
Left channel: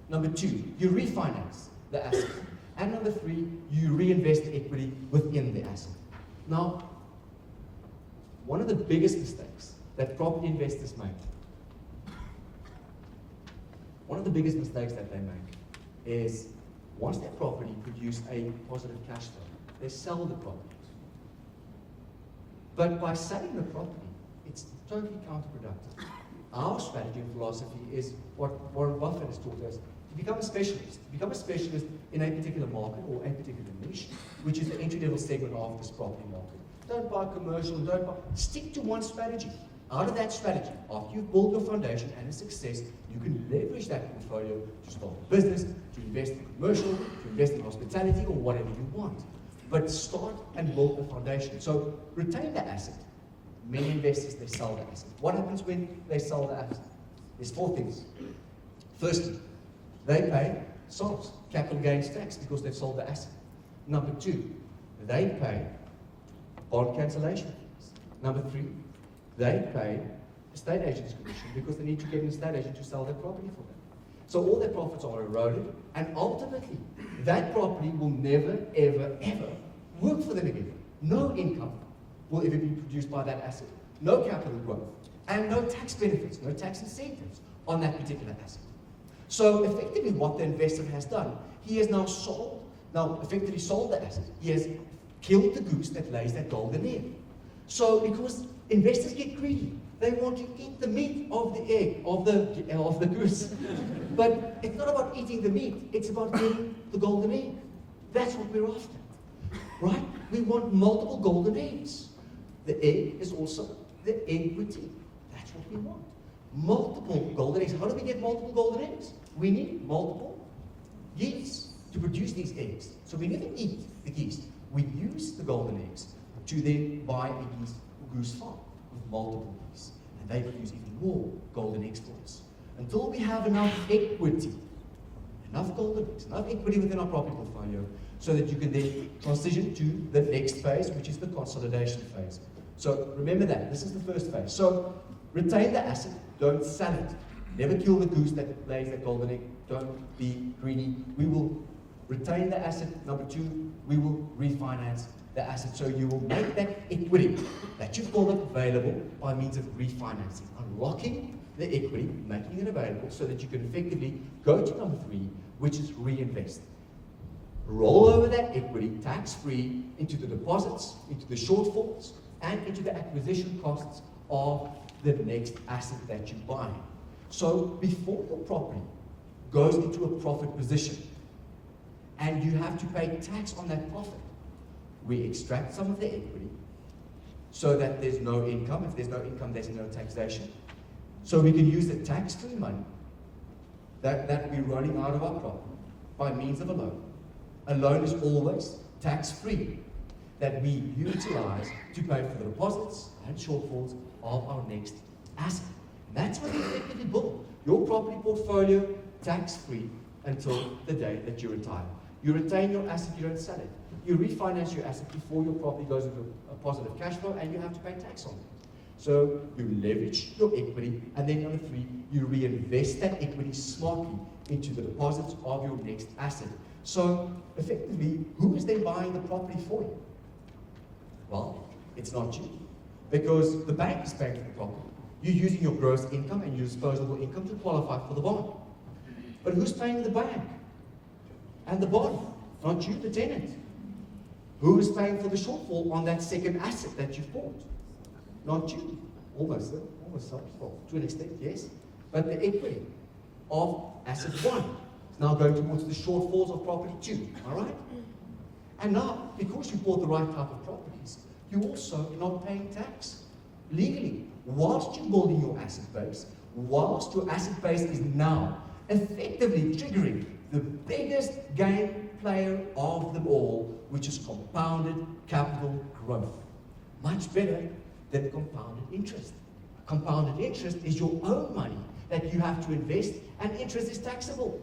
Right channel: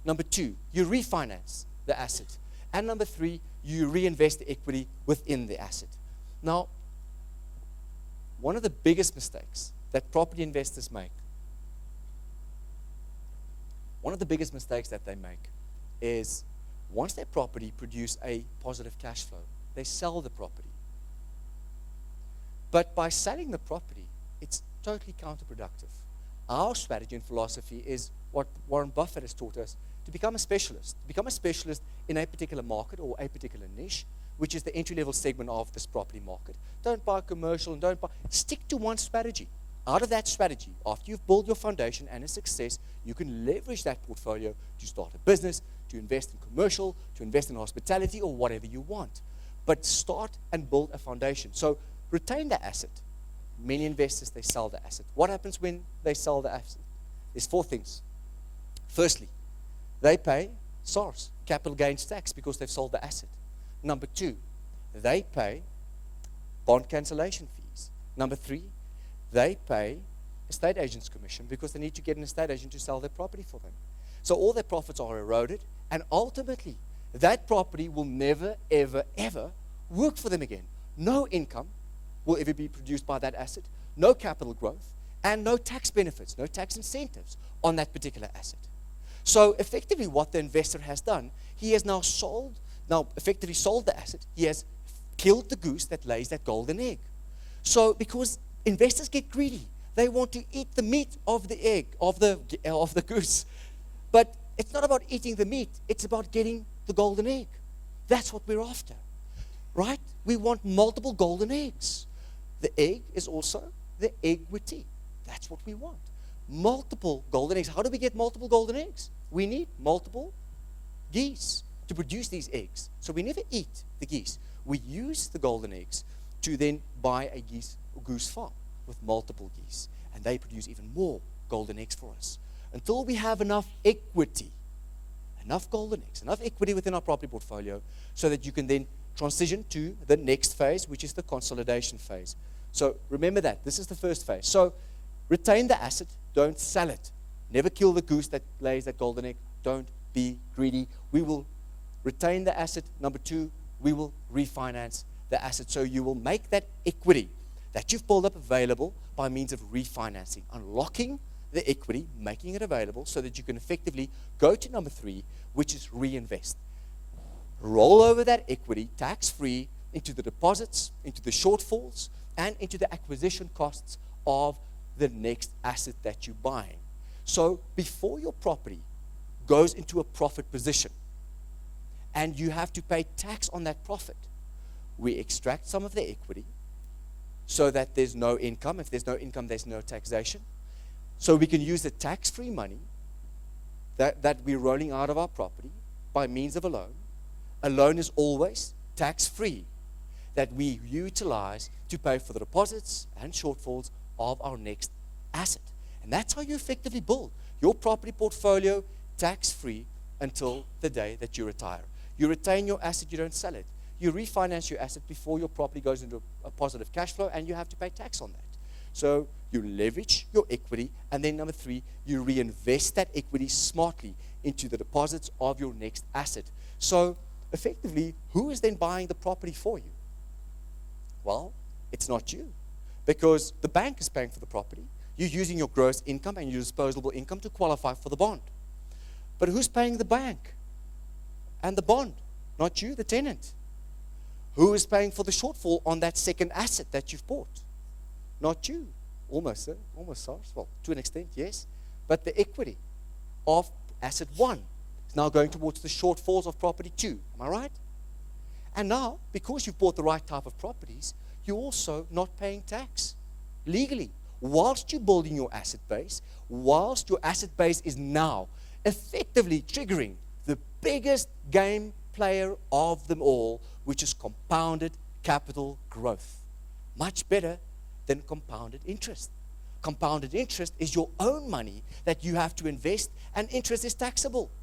Number 2, you refinance the asset. And number 3, you reinvest equity within the asset. Now, one of the biggest mistakes that property investors make, is once their property produces a positive cash flow, they sell the property. But by selling the property, it's totally counterproductive. Our strategy and philosophy is what Warren Buffett has taught us, to become a specialist. Become a specialist in a particular market or a particular niche, which is the entry-level segment of this property market. Don't buy commercial, stick to one strategy. Out of that strategy, after you've built your foundation and a success, you can leverage that portfolio to start a business, to invest in commercial, to invest in hospitality, or whatever you want. But start and build a foundation. So retain that asset. Many investors, they sell the asset. What happens when they sell the asset? There's 4 things. Firstly, they pay SARS, capital gains tax, because they've sold the asset. Number 2, they pay bond cancellation fees. Number 3, they pay estate agent's commission because they need to get an estate agent to sell their property for them. So all their profits are eroded, and ultimately, that property will never, ever, ever work for them again. No income will ever be produced by that asset. No capital growth, and no tax benefits, no tax incentives on that particular asset. So effectively what the investor has done, he has now effectively sold the asset. He has killed the goose that lays that golden egg. So because investors get greedy, they want to eat the meat of the egg, of the goose. But it's not about eating the meat, it's about getting the golden egg. That's what we're after, right? We want multiple golden eggs. The egg is also the equity. That's what we want. Multiple golden eggs. How do we get multiple golden eggs? We need multiple geese to produce these eggs. So we never eat the geese. We use the golden eggs to then buy a goose farm with multiple geese. And they produce even more golden eggs for us. Until we have enough equity, enough golden eggs, enough equity within our property portfolio, so that you can then transition to the next phase, which is the consolidation phase. So remember that. This is the first phase. So retain the asset. Don't sell it. Never kill the goose that lays that golden egg. Don't be greedy. We will retain the asset. Number 2, we will refinance the asset. So you will make that equity that you've built up available by means of refinancing, unlocking the equity, making it available so that you can effectively go to number 3, which is reinvest. Roll over that equity tax-free into the deposits, into the shortfalls, and into the acquisition costs of the next asset that you buy. So before your property goes into a profit position and you have to pay tax on that profit, we extract some of the equity so that there's no income. If there's no income, there's no taxation. So we can use the tax-free money that we're running out of our property by means of a loan. A loan is always tax-free. that we utilize to pay for the deposits and shortfalls of our next asset. And that's how you effectively build your property portfolio tax-free until the day that you retire. You retain your asset, you don't sell it. You refinance your asset before your property goes into a positive cash flow and you have to pay tax on it. So you leverage your equity, and then number 3, you reinvest that equity smartly into the deposits of your next asset. So effectively, who is then buying the property for you? Well, it's not you, because the bank is paying for the property. You're using your gross income and your disposable income to qualify for the bond. But who's paying the bank and the bond? Not you, the tenant. Who is paying for the shortfall on that second asset that you've bought? Not you. Almost, sorry. Well, to an extent, yes. But the equity of asset 1 is now going towards the shortfalls of property 2. Am I right? And now, because you bought the right type of properties, you're also not paying tax legally. Whilst you're building your asset base, whilst your asset base is now effectively triggering the biggest game player of them all, which is compounded capital growth. Much better than compounded interest. Compounded interest is your own money that you have to invest, and interest is taxable.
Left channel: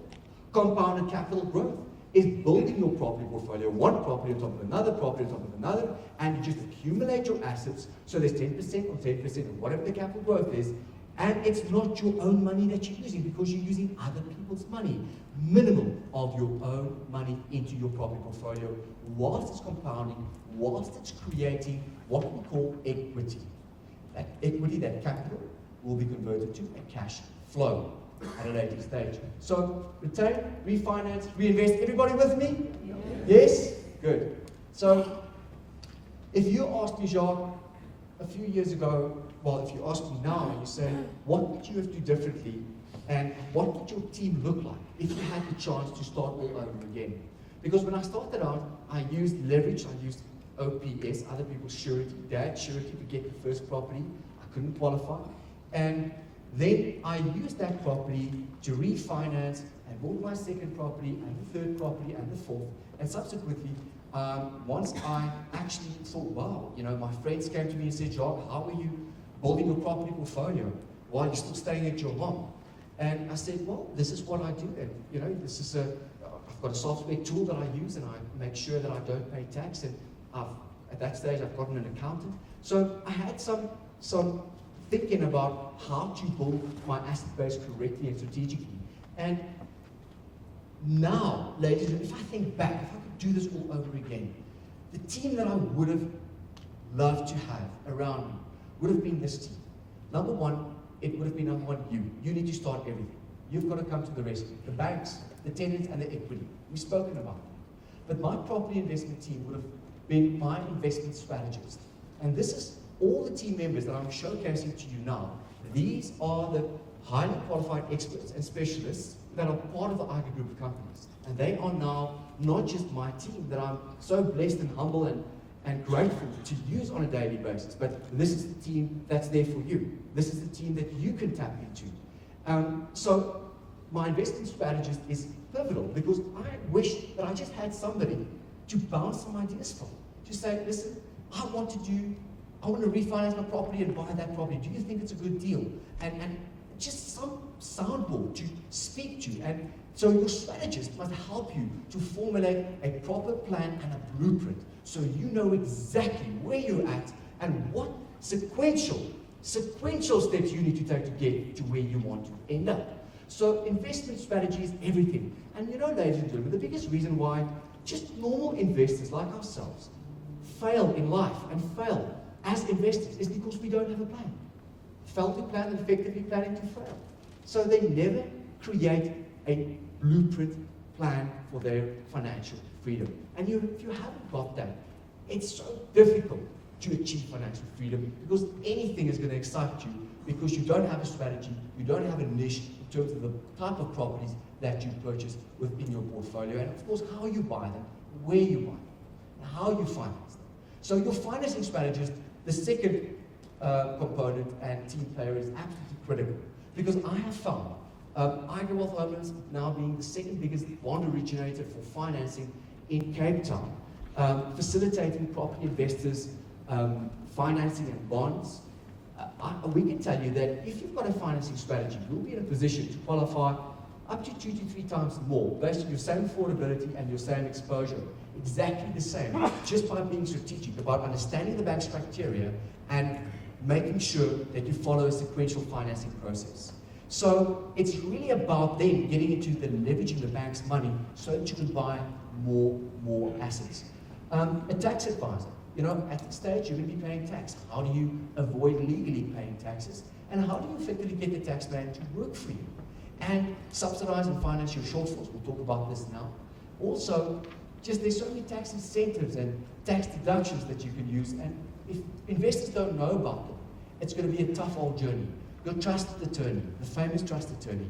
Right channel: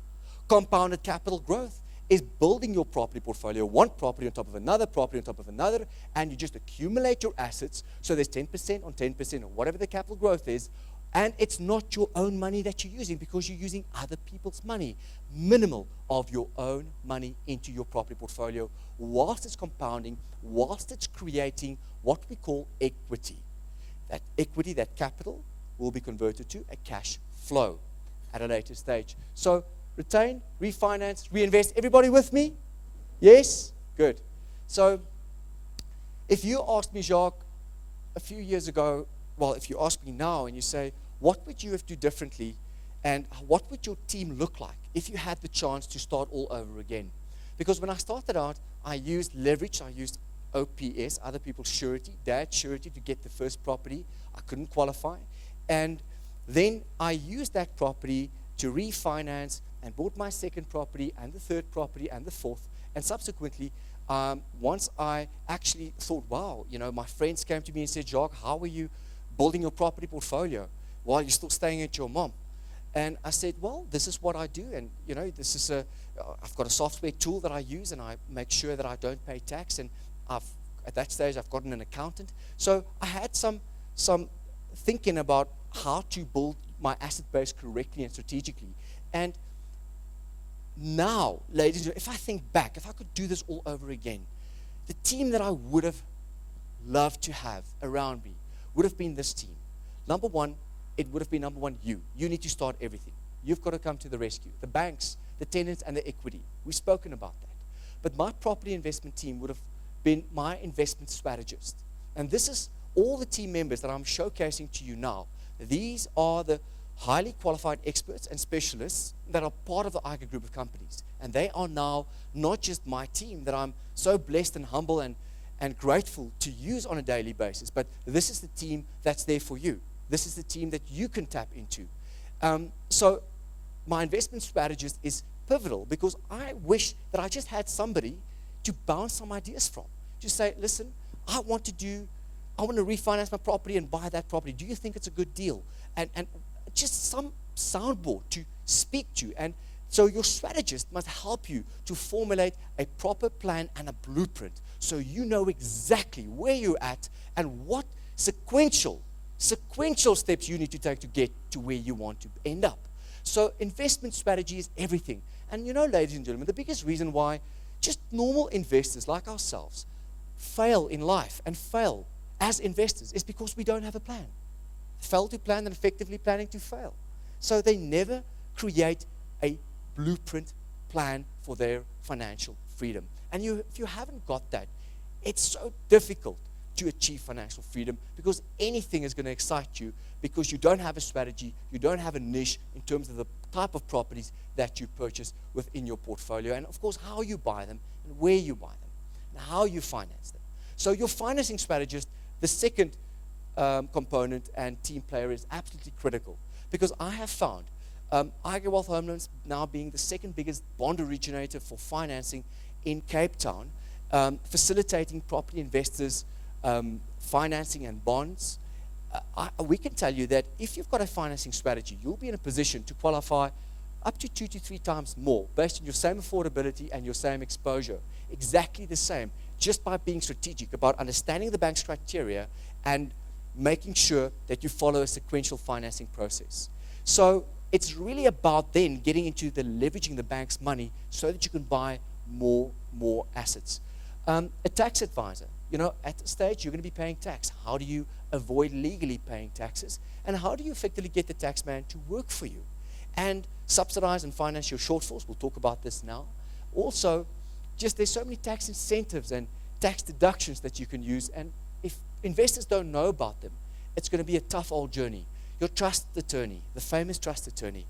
Compounded capital growth is building your property portfolio, one property on top of another property on top of another, and you just accumulate your assets, so there's 10% or 10% or whatever the capital growth is, and it's not your own money that you're using because you're using other people's money. Minimum of your own money into your property portfolio, whilst it's compounding, whilst it's creating what we call equity. That equity, that capital, will be converted to a cash flow at a later stage. So retain, refinance, reinvest. Everybody with me? Yes? Good. So if you asked me, Jacques, a few years ago, well, if you ask me now and you say, what would you have to do differently, and what would your team look like if you had the chance to start all over again? Because when I started out, I used leverage, I used OPS, other people's surety, dad's surety to get the first property. I couldn't qualify. And then I used that property to refinance and bought my second property and the third property and the fourth. And subsequently, once I actually thought, wow, my friends came to me and said, Jacques, how are you building your property portfolio while you're still staying at your mom? And I said, well, this is what I do, and this is I've got a software tool that I use, and I make sure that I don't pay tax, and at that stage I've gotten an accountant. So I had some thinking about how to build my asset base correctly and strategically. And now, ladies and gentlemen, if I think back, if I could do this all over again, the team that I would have loved to have around me would have been this team. Number 1, it would have been number 1, you. You need to start everything. You've got to come to the rescue. The banks, the tenants, and the equity. We've spoken about that. But my property investment team would have been my investment strategist. And this is all the team members that I'm showcasing to you now. These are the highly qualified experts and specialists that are part of the IGrow group of companies. And they are now not just my team that I'm so blessed and humble and grateful to use on a daily basis, but this is the team that's there for you. This is the team that you can tap into. So my investment strategist is pivotal because I wish that I just had somebody to bounce some ideas from. To say, listen, I want to refinance my property and buy that property. Do you think it's a good deal? And just some soundboard to speak to. And so your strategist must help you to formulate a proper plan and a blueprint so you know exactly where you're at and what sequential steps you need to take to get to where you want to end up. So investment strategy is everything. And ladies and gentlemen, the biggest reason why just normal investors like ourselves fail in life and fail as investors is because we don't have a plan. Fail to plan and effectively planning to fail. So they never create a blueprint plan for their financial freedom. And if you haven't got that, it's so difficult to achieve financial freedom because anything is going to excite you because you don't have a strategy, you don't have a niche in terms of the type of properties that you purchase within your portfolio, and of course how you buy them, where you buy them, and how you finance them. So your financing strategist, the second component and team player, is absolutely critical because I have found IGrow Home Loans now being the second biggest bond originator for financing in Cape Town. facilitating property investors, financing and bonds. We can tell you that if you've got a financing strategy, you'll be in a position to qualify up to 2 to 3 times more based on your same affordability and your same exposure. Exactly the same, just by being strategic about understanding the bank's criteria and making sure that you follow a sequential financing process. So it's really about then getting into the leveraging the bank's money so that you can buy more assets. A tax advisor. At this stage, you're going to be paying tax. How do you avoid legally paying taxes? And how do you effectively get the tax man to work for you? And subsidize and finance your shortfalls. We'll talk about this now. Also, there's so many tax incentives and tax deductions that you can use. And if investors don't know about them, it's going to be a tough old journey. Your trusted attorney, the famous trust attorney,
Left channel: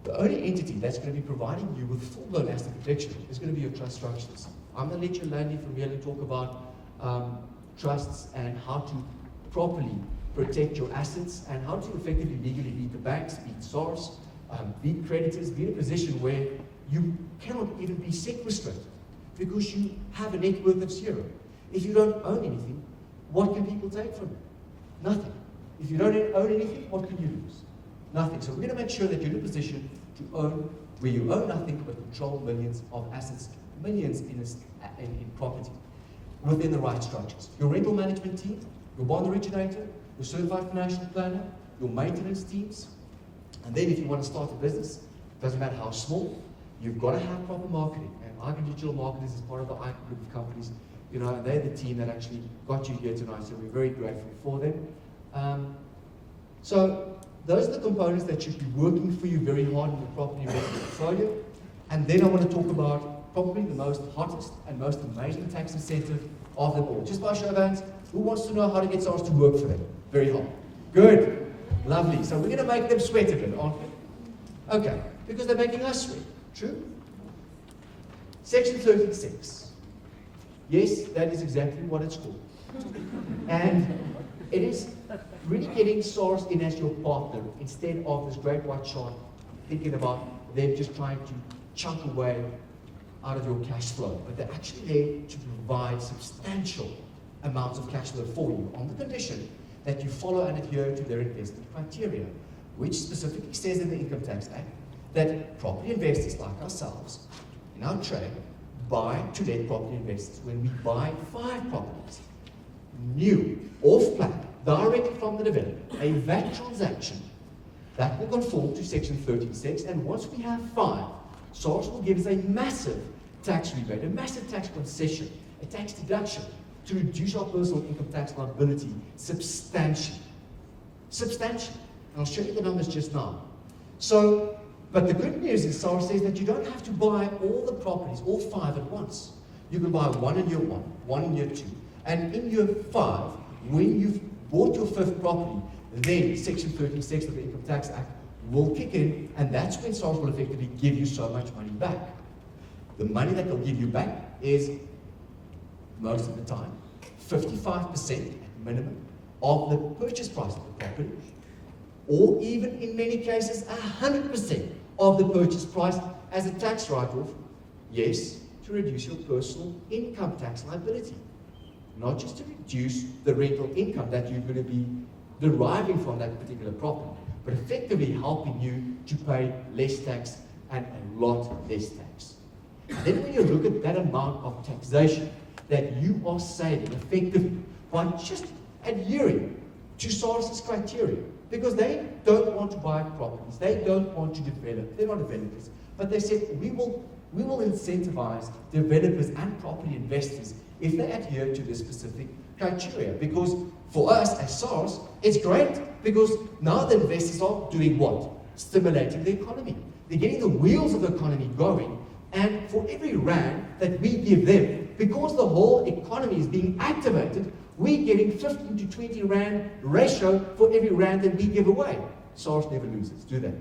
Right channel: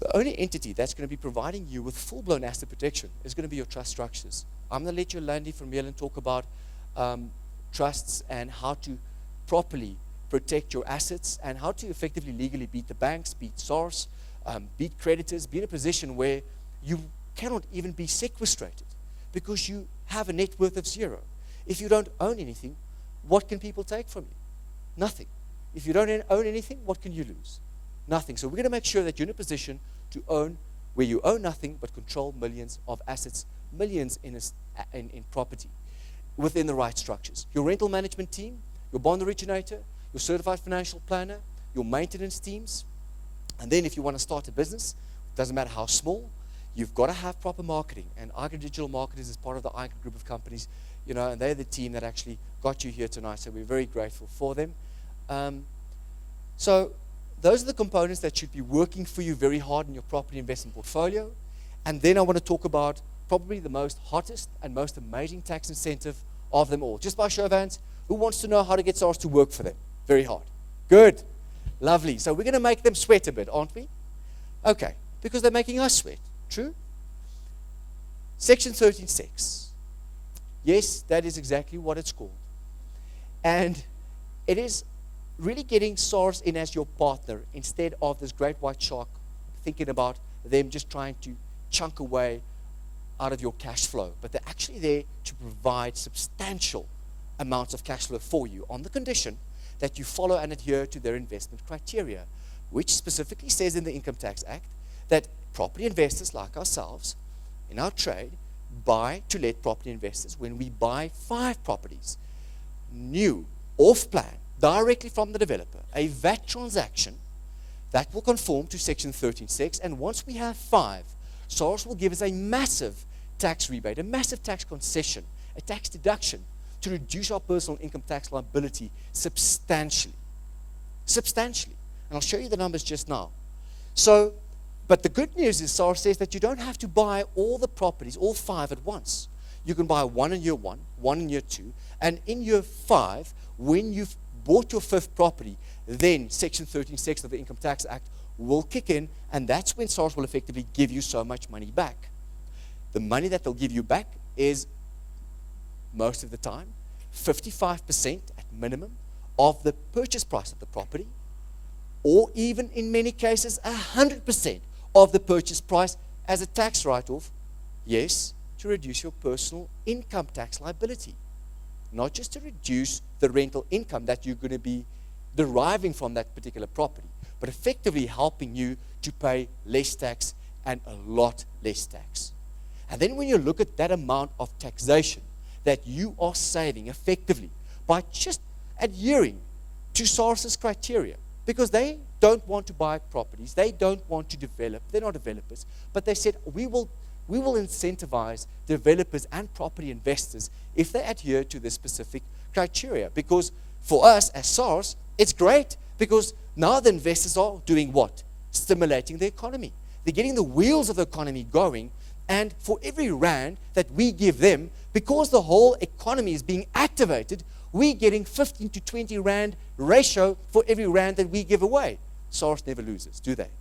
the only entity that's going to be providing you with full-blown asset protection is going to be your trust structures. I'm going to let you Landy from here and talk about trusts and how to properly protect your assets and how to effectively legally beat the banks, beat SARS, beat creditors, be in a position where you cannot even be sequestrated because you have a net worth of 0. If you don't own anything, what can people take from you? Nothing. If you don't own anything, what can you lose? Nothing. So we're going to make sure that you're in a position to own where you own nothing but control millions of assets, millions in property, within the right structures. Your rental management team, your bond originator, your certified financial planner, your maintenance teams. And then if you want to start a business, doesn't matter how small, you've got to have proper marketing. And IGrow Digital Marketers is part of the IGrow group of companies. And they're the team that actually got you here tonight, so we're very grateful for them. So those are the components that should be working for you very hard in your property investment portfolio. And then I want to talk about probably the most hottest and most amazing tax incentive of them all. Just by show of hands, who wants to know how to get SARS to work for them? Very hard. Good. Lovely. So we're going to make them sweat a bit, aren't we? Okay. Because they're making us sweat. True? Section 36. Yes, that is exactly what it's called. And it is really getting SARS in as your partner instead of this great white shark thinking about them just trying to chunk away out of your cash flow. But they're actually there to provide substantial amounts of cash flow for you on the condition that you follow and adhere to their investment criteria, which specifically says in the Income Tax Act that property investors like ourselves in our trade buy to let property investors. When we buy 5 properties, new, off-plan, directly from the developer, a VAT transaction that will conform to Section 36, and once we have 5, SARS will give us a massive tax rebate, a massive tax concession, a tax deduction to reduce our personal income tax liability substantially. Substantially. And I'll show you the numbers just now. So, but the good news is SARS says that you don't have to buy all the properties, all 5 at once. You can buy 1 in year 1, 1 in year 2. And in year 5, when you've bought your 5th property, then Section 36 of the Income Tax Act will kick in, and that's when SARS will effectively give you so much money back. The money that they'll give you back is, most of the time, 55% at minimum of the purchase price of the property, or even in many cases, 100% of the purchase price as a tax write-off, yes, to reduce your personal income tax liability. Not just to reduce the rental income that you're going to be deriving from that particular property, but effectively helping you to pay less tax and a lot less tax. And then when you look at that amount of taxation that you are saving effectively by just adhering to SARS's criteria, because they don't want to buy properties, they don't want to develop, they're not developers, but they said we will incentivize developers and property investors if they adhere to this specific criteria. Because for us as SARS, it's great because now the investors are doing what? Stimulating the economy. They're getting the wheels of the economy going, and for every rand that we give them, because the whole economy is being activated, we're getting 15 to 20 rand ratio for every rand that we give away. SARS never loses, do they?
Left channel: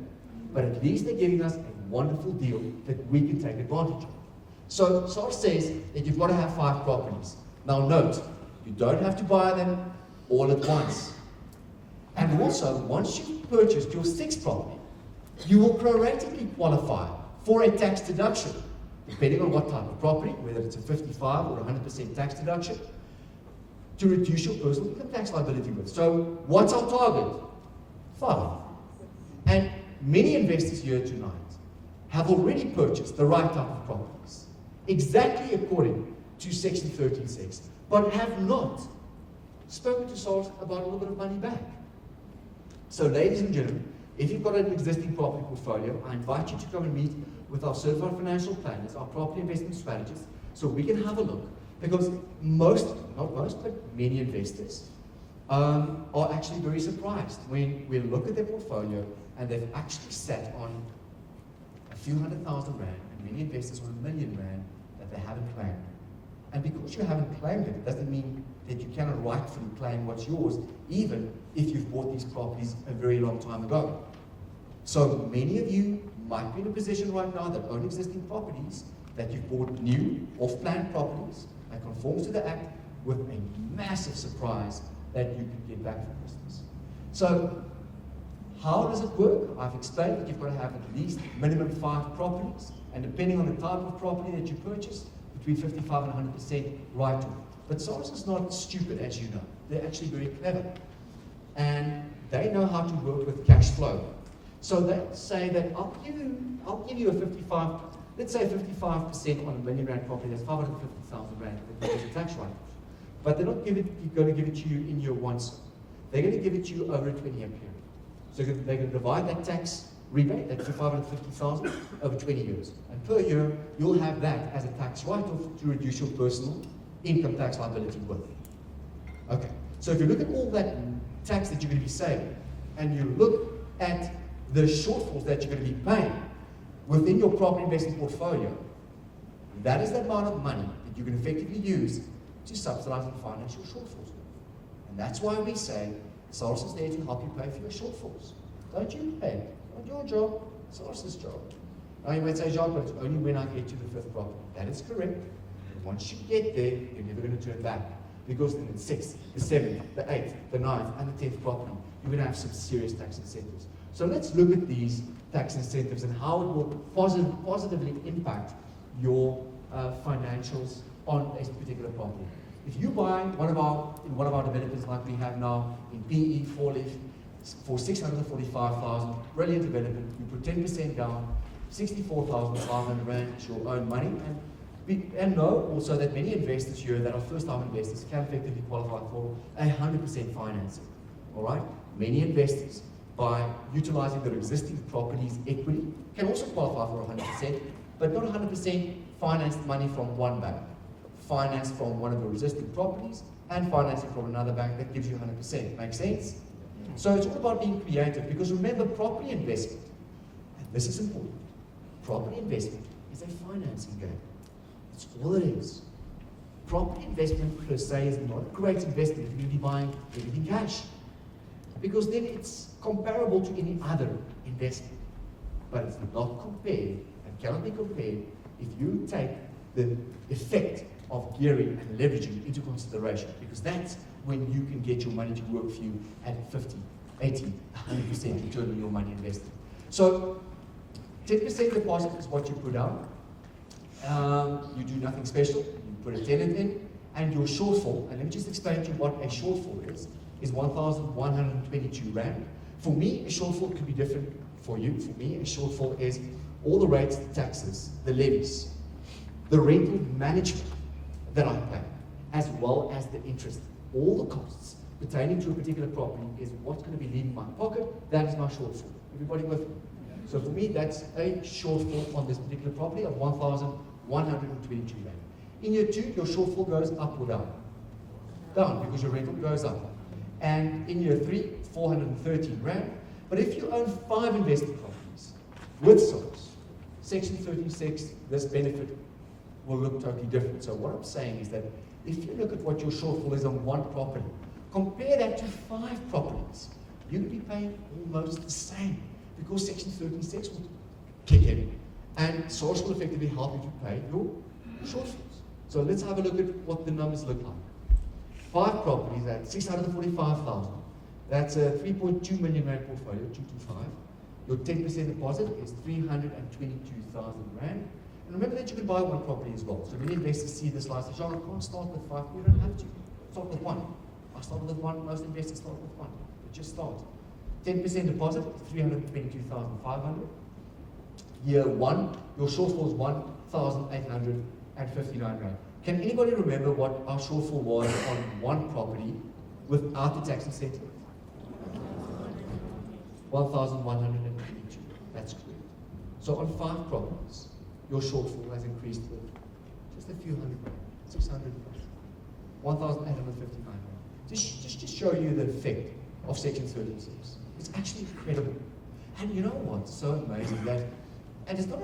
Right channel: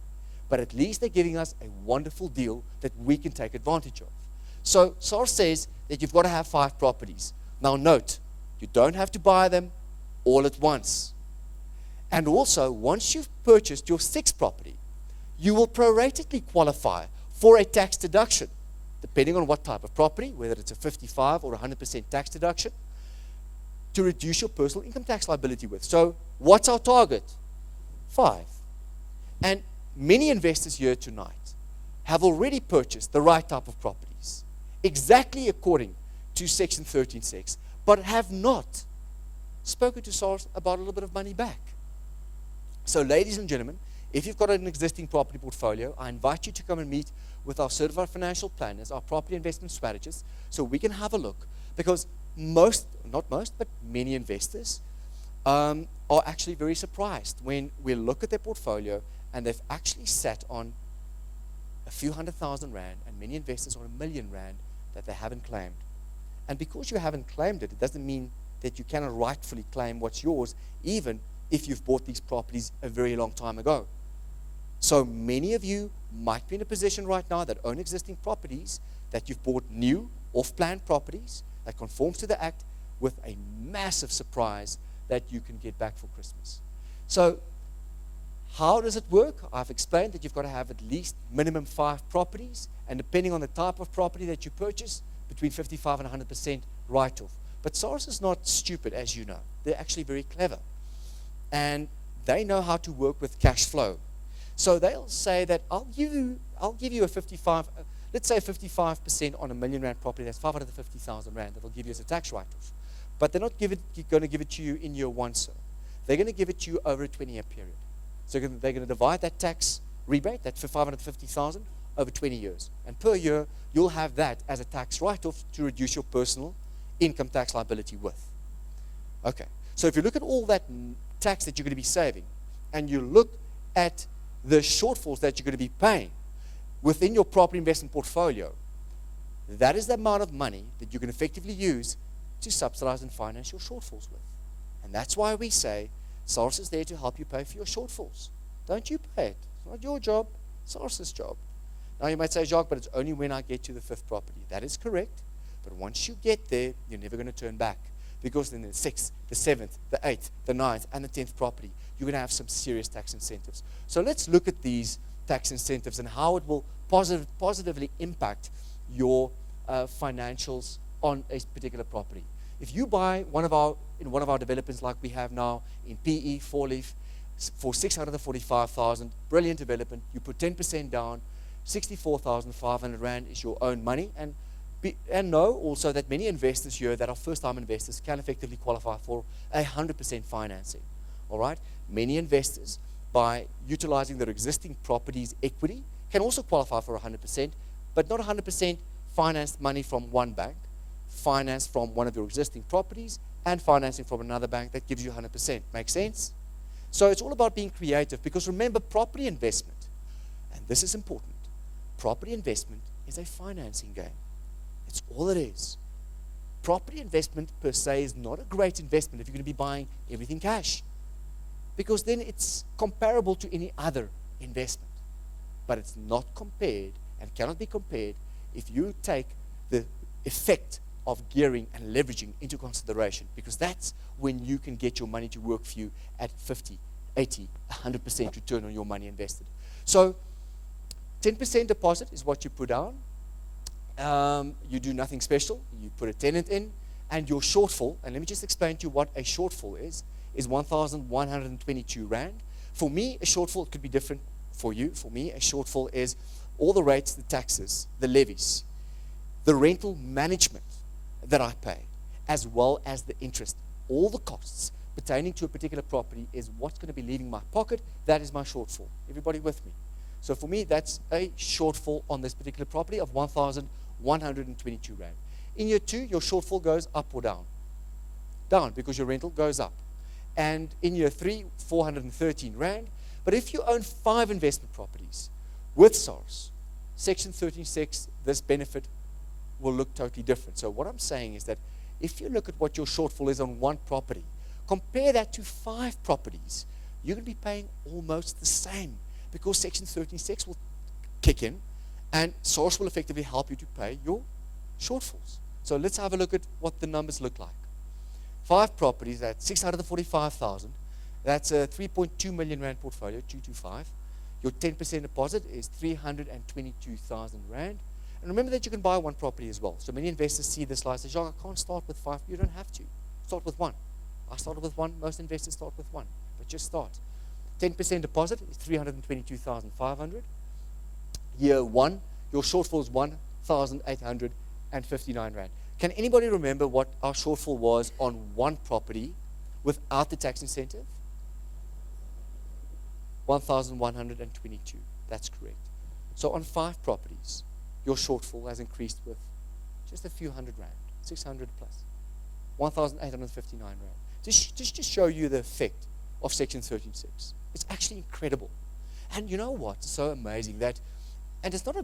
But at least they're giving us a wonderful deal that we can take advantage of. So SARS says that you've got to have 5 properties. Now note, you don't have to buy them all at once. And also, once you've purchased your 6th property, you will proratically qualify for a tax deduction. The depending on what type of property, whether it's a 55 or 100% tax deduction, to reduce your personal income tax liability with. So what's our target? 5. And many investors here tonight have already purchased the right type of properties, exactly according to Section 13.6, but have not spoken to SARS about a little bit of money back. So ladies and gentlemen, if you've got an existing property portfolio, I invite you to come and meet with our certified financial planners, our property investment strategists, so we can have a look. Because not most, but many investors are actually very surprised when we look at their portfolio and they've actually sat on a few $100,000 rand, and many investors on R1 million that they haven't claimed. And because you haven't claimed it, doesn't mean that you cannot rightfully claim what's yours, even if you've bought these properties a very long time ago. So many of you might be in a position right now that own existing properties, that you've bought new off-plan properties that conforms to the Act, with a massive surprise that you can get back for Christmas. So how does it work? I've explained that you've got to have at least minimum 5 properties, and depending on the type of property that you purchase, between 55 and 100% write-off. But SARS is not stupid, as you know. They're actually very clever. And they know how to work with cash flow. So they'll say that I'll give you a 55, let's say 55% on R1 million property, that's 550,000 rand, they'll give you as a tax write-off. But they're not going to give it to you in year 1. They're going to give it to you over a 20-year period. So they're going to divide that tax rebate, that 550,000, over 20 years. And per year, you'll have that as a tax write-off to reduce your personal income tax liability with. Okay, so if you look at all that tax that you're going to be saving, and you look at the shortfalls that you're going to be paying within your property investment portfolio, that is the amount of money that you can effectively use to subsidize and finance your shortfalls with. And that's why we say SARS is there to help you pay for your shortfalls. Don't you pay it. It's not your job, it's SARS's job. Now you might say, Jacques, but it's only when I get to the 5th property. That is correct. But once you get there, you're never going to turn back. Because in the 6th, the 7th, the 8th, the 9th, and the 10th property, you're going to have some serious tax incentives. So let's look at these tax incentives and how it will positively impact your financials on a particular property. If you buy in one of our developers like we have now in PE 4-leaf for 645,000, brilliant development, you put 10% down, 64,500 rand is your own money, and know also that many investors here that are first-time investors can effectively qualify for 100% financing. All right, many investors, by utilizing their existing properties equity, can also qualify for 100%, but not 100% financed money from one bank. Finance from one of your existing properties and financing from another bank that gives you 100%. Makes sense? So it's all about being creative, because remember, property investment, and this is important, property investment is a financing game. It's all it is. Property investment per se is not a great investment if you're going to be buying everything cash, because then it's comparable to any other investment. But it's not compared and cannot be compared if you take the effect of gearing and leveraging into consideration, because that's when you can get your money to work for you at 50, 80, 100% return on your money invested. So 10% deposit is what you put down. You do nothing special. You put a tenant in, and your shortfall, and let me just explain to you what a shortfall is 1,122 rand. For me, a shortfall could be different for you. For me, a shortfall is all the rates, the taxes, the levies, the rental management that I pay, as well as the interest. All the costs pertaining to a particular property is what's going to be leaving my pocket. That is my shortfall. Everybody with me? So for me, that's a shortfall on this particular property of 1,122 rand. In year 2, your shortfall goes up or down? Down, because your rental goes up. And in year 3, 413 rand. But if you own 5 investment properties with SARS, Section 36, this benefit will look totally different. So what I'm saying is that if you look at what your shortfall is on one property, compare that to 5 properties, you'll be paying almost the same, because Section 36 will kick in and SARS will effectively help you to pay your shortfalls. So let's have a look at what the numbers look like. 5 properties at 645,000. That's a 3.2 million rand portfolio, 225. Your 10% deposit is 322,000 rand. And remember that you can buy one property as well. So many investors see this slide and say, Jean, I can't start with 5. You don't have to. Start with 1. I started with 1. Most investors start with 1. But just start. 10% deposit, 322,500. Year 1, your shortfall is 1,859 rand. Can anybody remember what our shortfall was on one property without the tax incentive? 1,122. That's correct. So on 5 properties, your shortfall has increased with just a few hundred rand, 600 plus, 1,859 rand. Just to show you the effect of Section 36. It's actually incredible. And you know what's so amazing that, and it's not a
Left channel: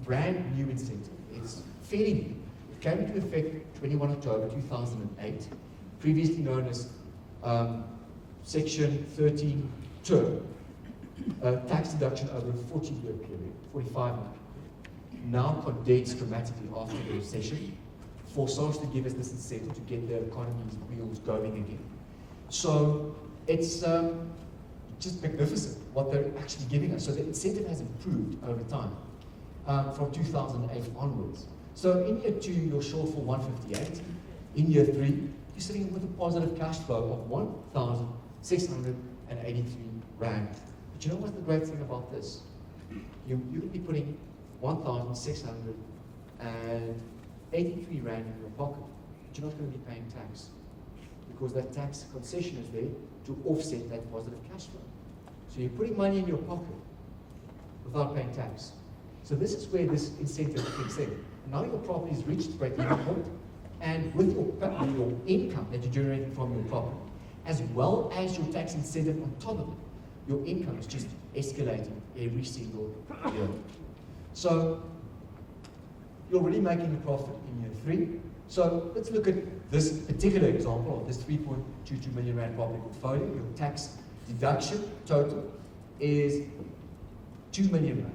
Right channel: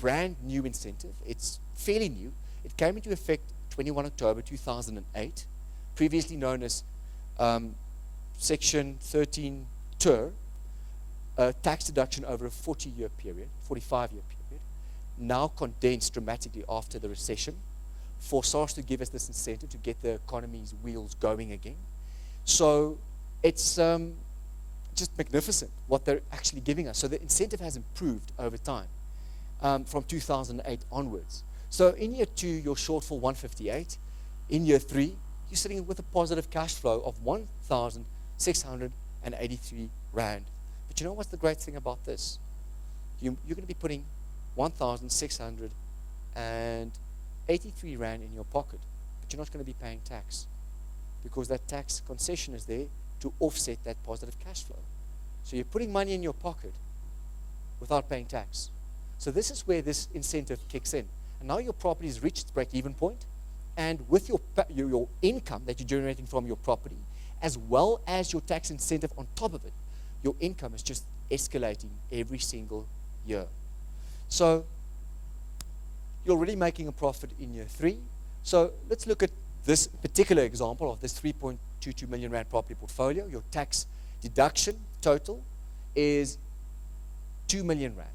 brand new incentive, it's fairly new. It came into effect 21 October 2008, previously known as Section 13 term, tax deduction over a 40-year period, 45-year period. Now condensed dramatically after the recession for SARS to give us this incentive to get the economy's wheels going again. So it's just magnificent what they're actually giving us. So the incentive has improved over time from 2008 onwards. So in year 2, your shortfall 158. In year 3, you're sitting with a positive cash flow of 1,683 rand. But you know what's the great thing about this? You're going to be putting 1,683 rand in your pocket, but you're not going to be paying tax because that tax concession is there to offset that positive cash flow. So you're putting money in your pocket without paying tax. So this is where this incentive kicks in. Now your property has reached break-even point, and with your income that you're generating from your property, as well as your tax incentive on top of it, your income is just escalating every single year. So you're already making a profit in year 3. So let's look at this particular example of this 3.22 million rand property portfolio. Your tax deduction total is 2 million rand.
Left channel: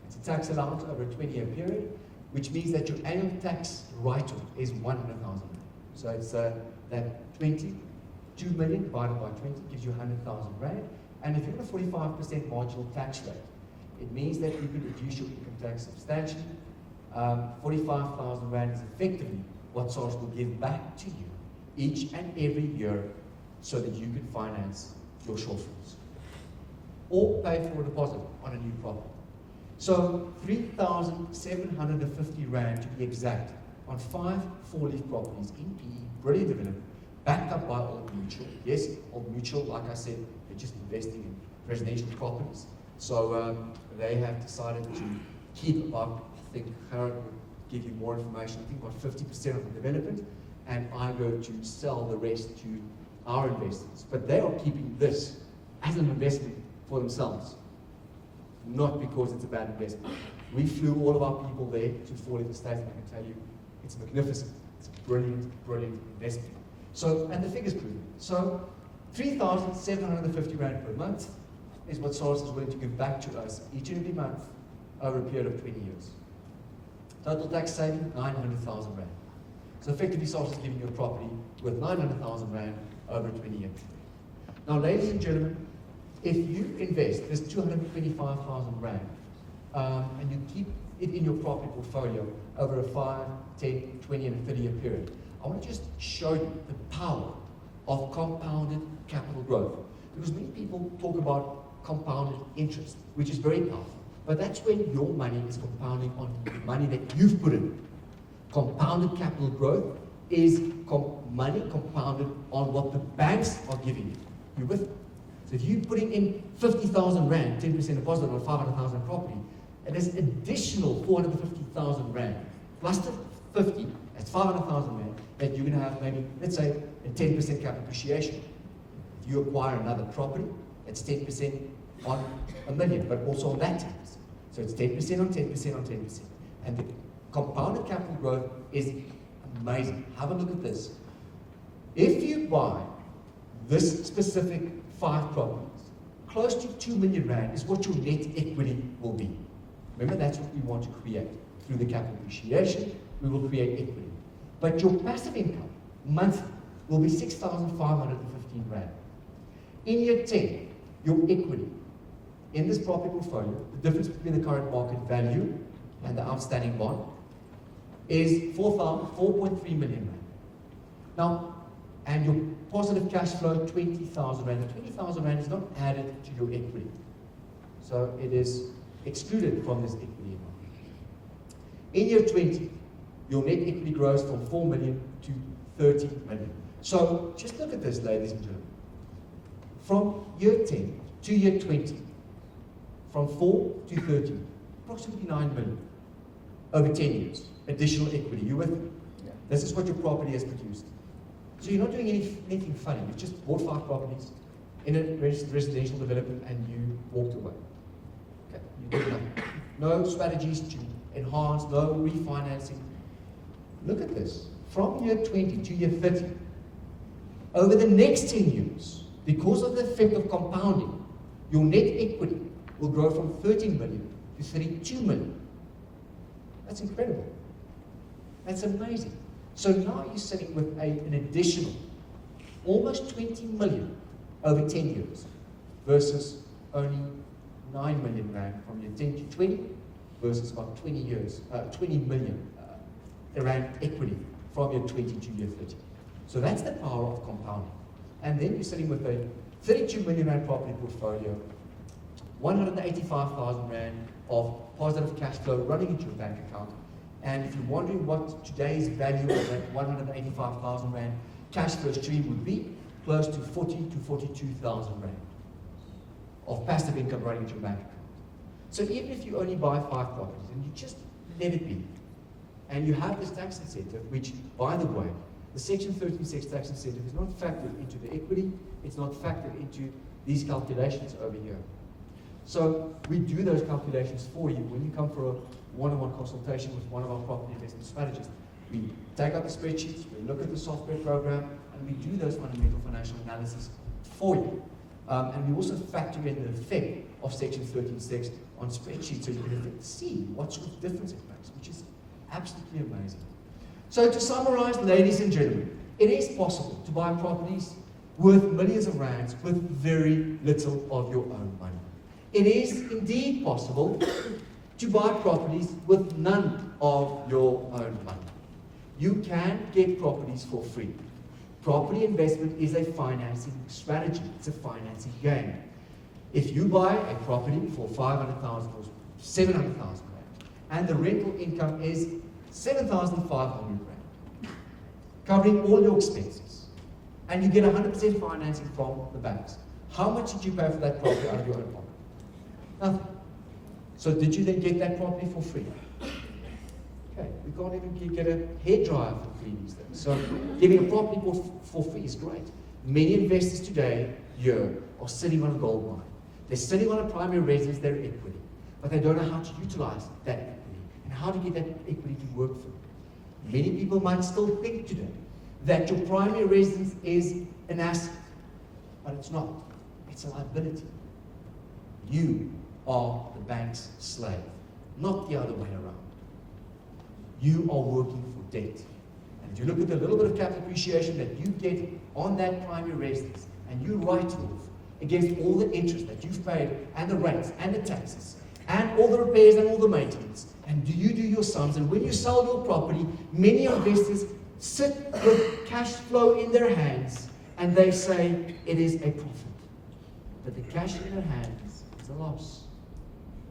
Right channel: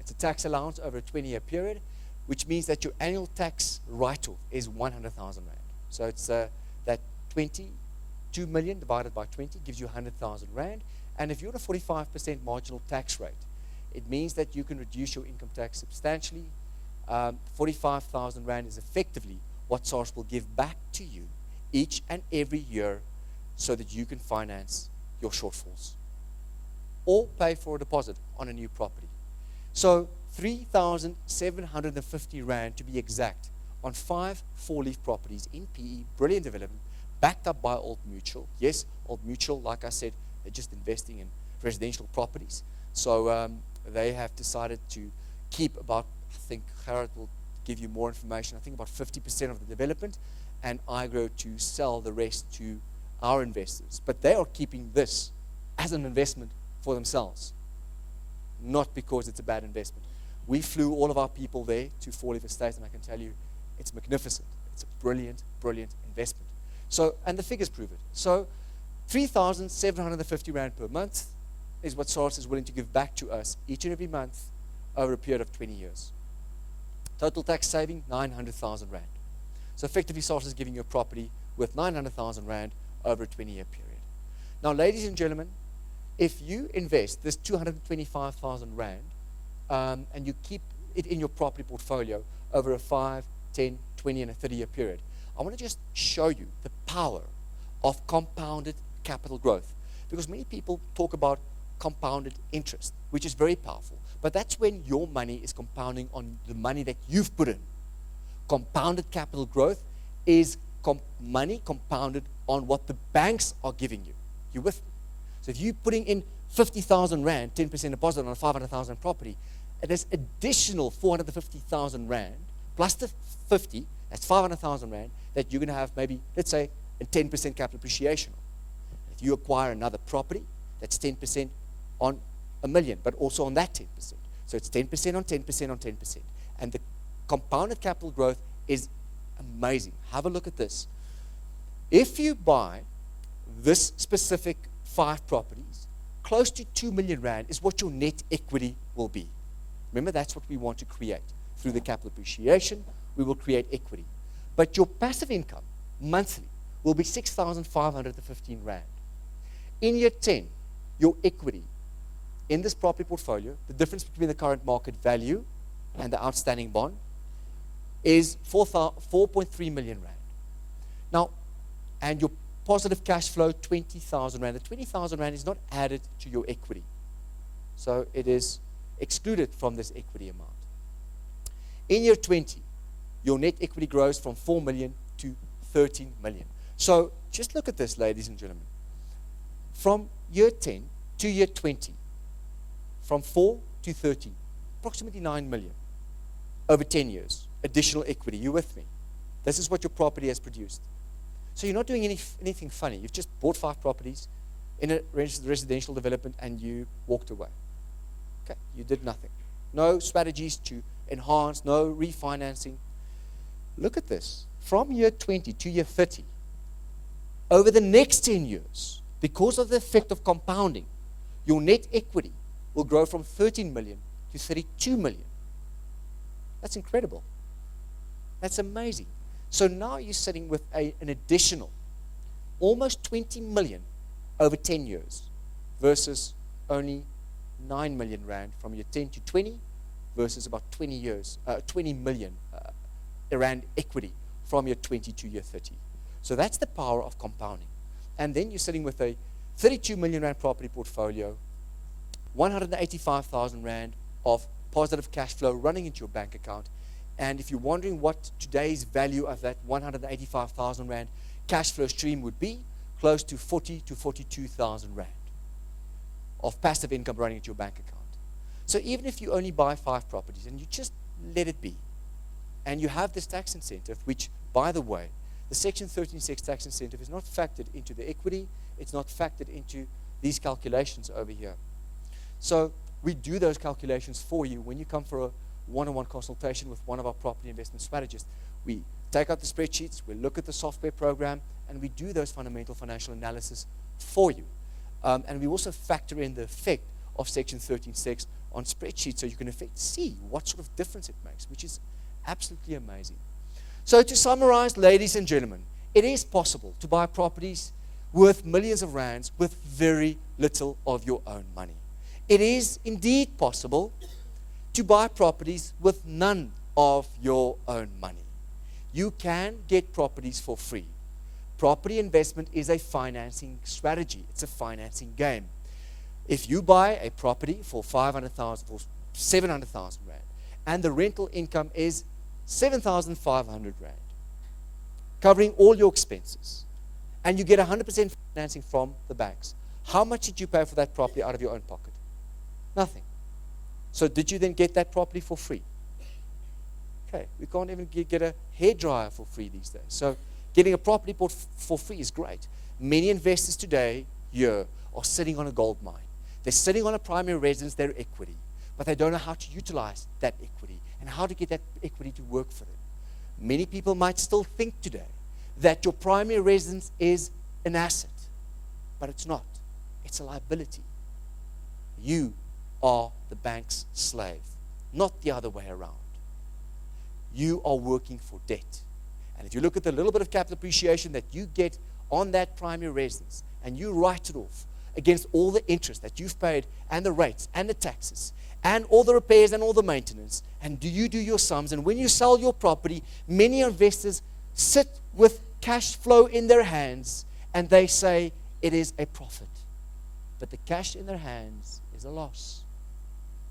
It's a tax allowance over a 20-year period, which means that your annual tax write-off is 100,000 rand. So it's that 2 million divided by 20 gives you 100,000 rand. And if you're on a 45% marginal tax rate, it means that you can reduce your income tax substantially. 45,000 rand is effectively what SARS will give back to you each and every year so that you can finance your shortfalls or pay for a deposit on a new property. So 3,750 rand to be exact on 5 4-leaf properties in PE, brilliant development, backed up by Old Mutual. Yes, Old Mutual, like I said, they're just investing in residential properties. So they have decided to keep about, I think Gerard will give you more information, I think about 50% of the development, and IGrow to sell the rest to our investors. But they are keeping this as an investment for themselves, not because it's a bad investment. We flew all of our people there to 4-leaf estates, and I can tell you, it's magnificent. It's a brilliant, brilliant investment. So, and the figures prove it. So, 3,750 rand per month is what SARS is willing to give back to us each and every month over a period of 20 years. Total tax saving, 900,000 rand. So effectively, SARS is giving you a property with 900,000 rand over a 20-year period. Now, ladies and gentlemen, if you invest this 225,000 rand and you keep it in your property portfolio over a 5, 10, 20, and a 30-year period, I want to just show you the power of compounded capital growth. Because many people talk about compounded interest, which is very powerful. But that's when your money is compounding on the money that you've put in. Compounded capital growth is money compounded on what the banks are giving you. You with me? So if you're putting in 50,000 rand, 10% deposit on a 500,000 property, it is additional 450,000 rand plus the 50, that's 500,000 rand that you're going to have maybe, let's say, a 10% capital appreciation. If you acquire another property, that's 10% on a million, but also on that 10%. So it's 10% on 10% on 10%. And the compounded capital growth is amazing. Have a look at this. If you buy this specific 5 properties, close to 2 million rand is what your net equity will be. Remember, that's what we want to create. Through the capital appreciation, we will create equity. But your passive income, monthly, will be 6,515 rand. In year 10, your equity in this property portfolio, the difference between the current market value and the outstanding bond is 4.3 million rand. Now, and your positive cash flow, 20,000 rand. The 20,000 rand is not added to your equity. So it is excluded from this equity amount. In year 20, your net equity grows from 4 million to 30 million. So just look at this, ladies and gentlemen. From year 10 to year 20, from 4 to 30, approximately 9 million over 10 years, additional equity. You with me? Yeah. This is what your property has produced. So you're not doing anything funny. You've just bought 5 properties in a residential development and you walked away. Okay, you did nothing. No strategies to enhance, no refinancing. Look at this. From year 20 to year 30, over the next 10 years, because of the effect of compounding, your net equity will grow from 13 million to 32 million. That's incredible. That's amazing. So now you're sitting with an additional almost 20 million over 10 years versus only 9 million rand from year 10 to 20 versus about 20 million rand equity from year 20 to year 30. So that's the power of compounding. And then you're sitting with a 32 million rand property portfolio, 185,000 rand of positive cash flow running into your bank account. And if you're wondering what today's value of that 185,000 rand cash flow stream would be, close to 40 to 42,000 rand of passive income running into your bank account. So even if you only buy 5 properties and you just let it be, and you have this tax incentive, which, by the way, the Section 136 tax incentive is not factored into the equity, it's not factored into these calculations over here. So we do those calculations for you when you come for a one-on-one consultation with one of our property investment strategists. We take out the spreadsheets, we look at the software program, and we do those fundamental financial analysis for you. And we also factor in the effect of Section 136 on spreadsheets so you can see what sort of difference it makes, which is absolutely amazing. So to summarize, ladies and gentlemen, it is possible to buy properties worth millions of rands with very little of your own money. It is indeed possible to buy properties with none of your own money. You can get properties for free. Property investment is a financing strategy. It's a financing game. If you buy a property for 500,000 or 700,000 rand, and the rental income is 7,500 rand, covering all your expenses, and you get 100% financing from the banks, how much did you pay for that property out of your own pocket? Nothing. So did you then get that property for free? Okay, you can't even get a hairdryer for free these days. So getting a property for free is great. Many investors today here are sitting on a gold mine. They're sitting on a primary residence, their equity, but they don't know how to utilize that equity and how to get that equity to work for them. Many people might still think today that your primary residence is an asset, but it's not. It's a liability. You are the bank's slave, not the other way around. You are working for debt. And if you look at the little bit of capital appreciation that you get on that primary residence, and you write off against all the interest that you've paid, and the rates, and the taxes, and all the repairs, and all the maintenance, and do your sums, and when you sell your property, many investors sit with cash flow in their hands, and they say it is a profit. But the cash in their hands is a loss.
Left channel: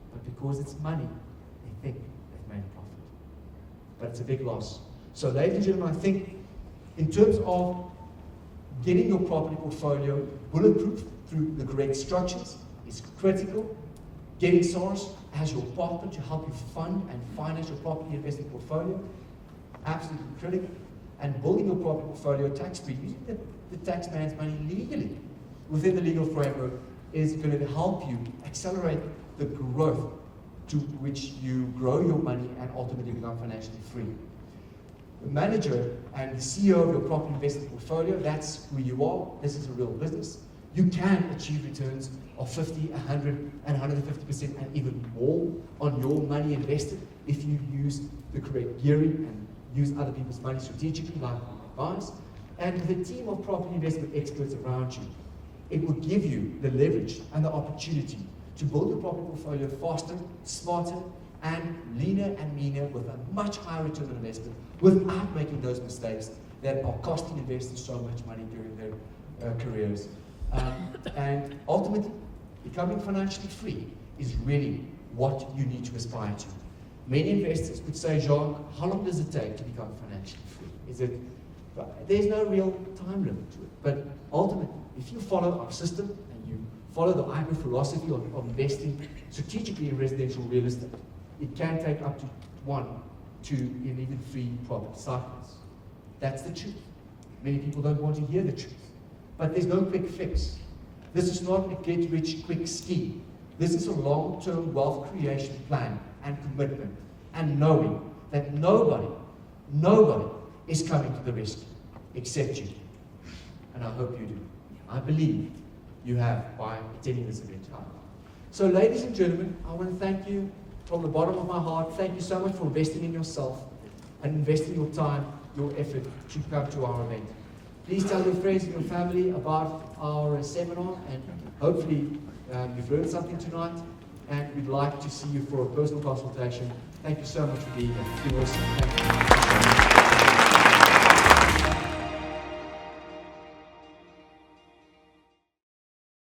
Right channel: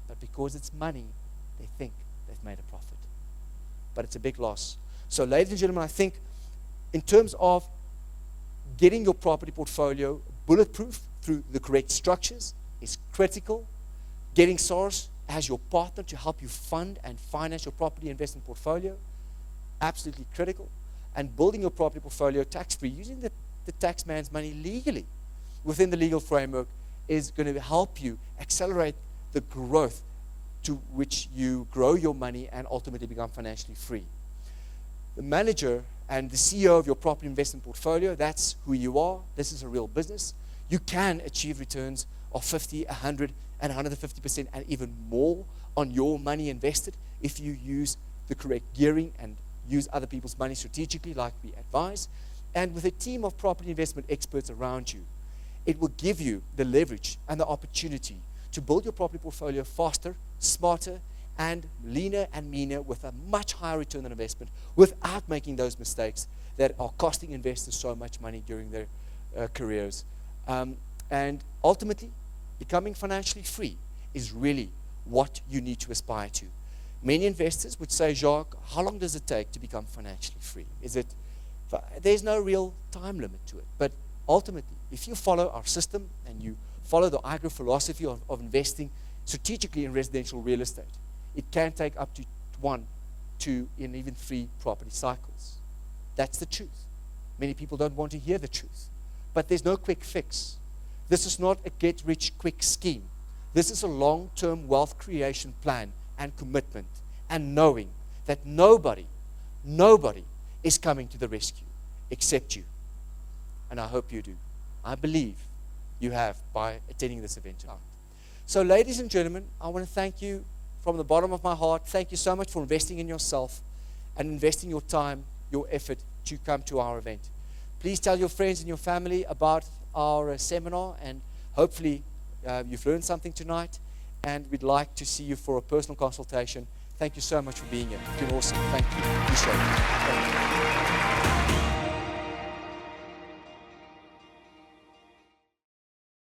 But because it's money, they think they've made a profit. But it's a big loss. So ladies and gentlemen, I think in terms of getting your property portfolio bulletproof through the correct structures is critical. Getting Soros as your partner to help you fund and finance your property investment portfolio, absolutely critical. And building your property portfolio tax-free, using the tax man's money legally within the legal framework is going to help you accelerate the growth to which you grow your money and ultimately become financially free. The manager and the CEO of your property investment portfolio, that's who you are. This is a real business. You can achieve returns of 50, 100, and 150% and even more on your money invested if you use the correct gearing and use other people's money strategically, like we advise. And with a team of property investment experts around you, it will give you the leverage and the opportunity to build your property portfolio faster, smarter, and leaner and meaner with a much higher return on investment without making those mistakes that are costing investors so much money during their careers. And ultimately, becoming financially free is really what you need to aspire to. Many investors would say, Jacques, how long does it take to become financially free? There's no real time limit to it. But ultimately, if you follow our system and you follow the IGrow philosophy of investing strategically in residential real estate, it can take up to 1, 2, and even 3 property cycles. That's the truth. Many people don't want to hear the truth. But there's no quick fix. This is not a get-rich-quick scheme. This is a long-term wealth creation plan and commitment, and knowing that nobody is coming to the rescue except you. And I hope you do. I believe you have by attending this event tonight. So ladies and gentlemen, I want to thank you from the bottom of my heart. Thank you so much for investing in yourself and investing your time, your effort to come to our event. Please tell your friends and your family about our seminar, and hopefully you've learned something tonight, and we'd like to see you for a personal consultation. Thank you so much for being here. It's been awesome. Thank you.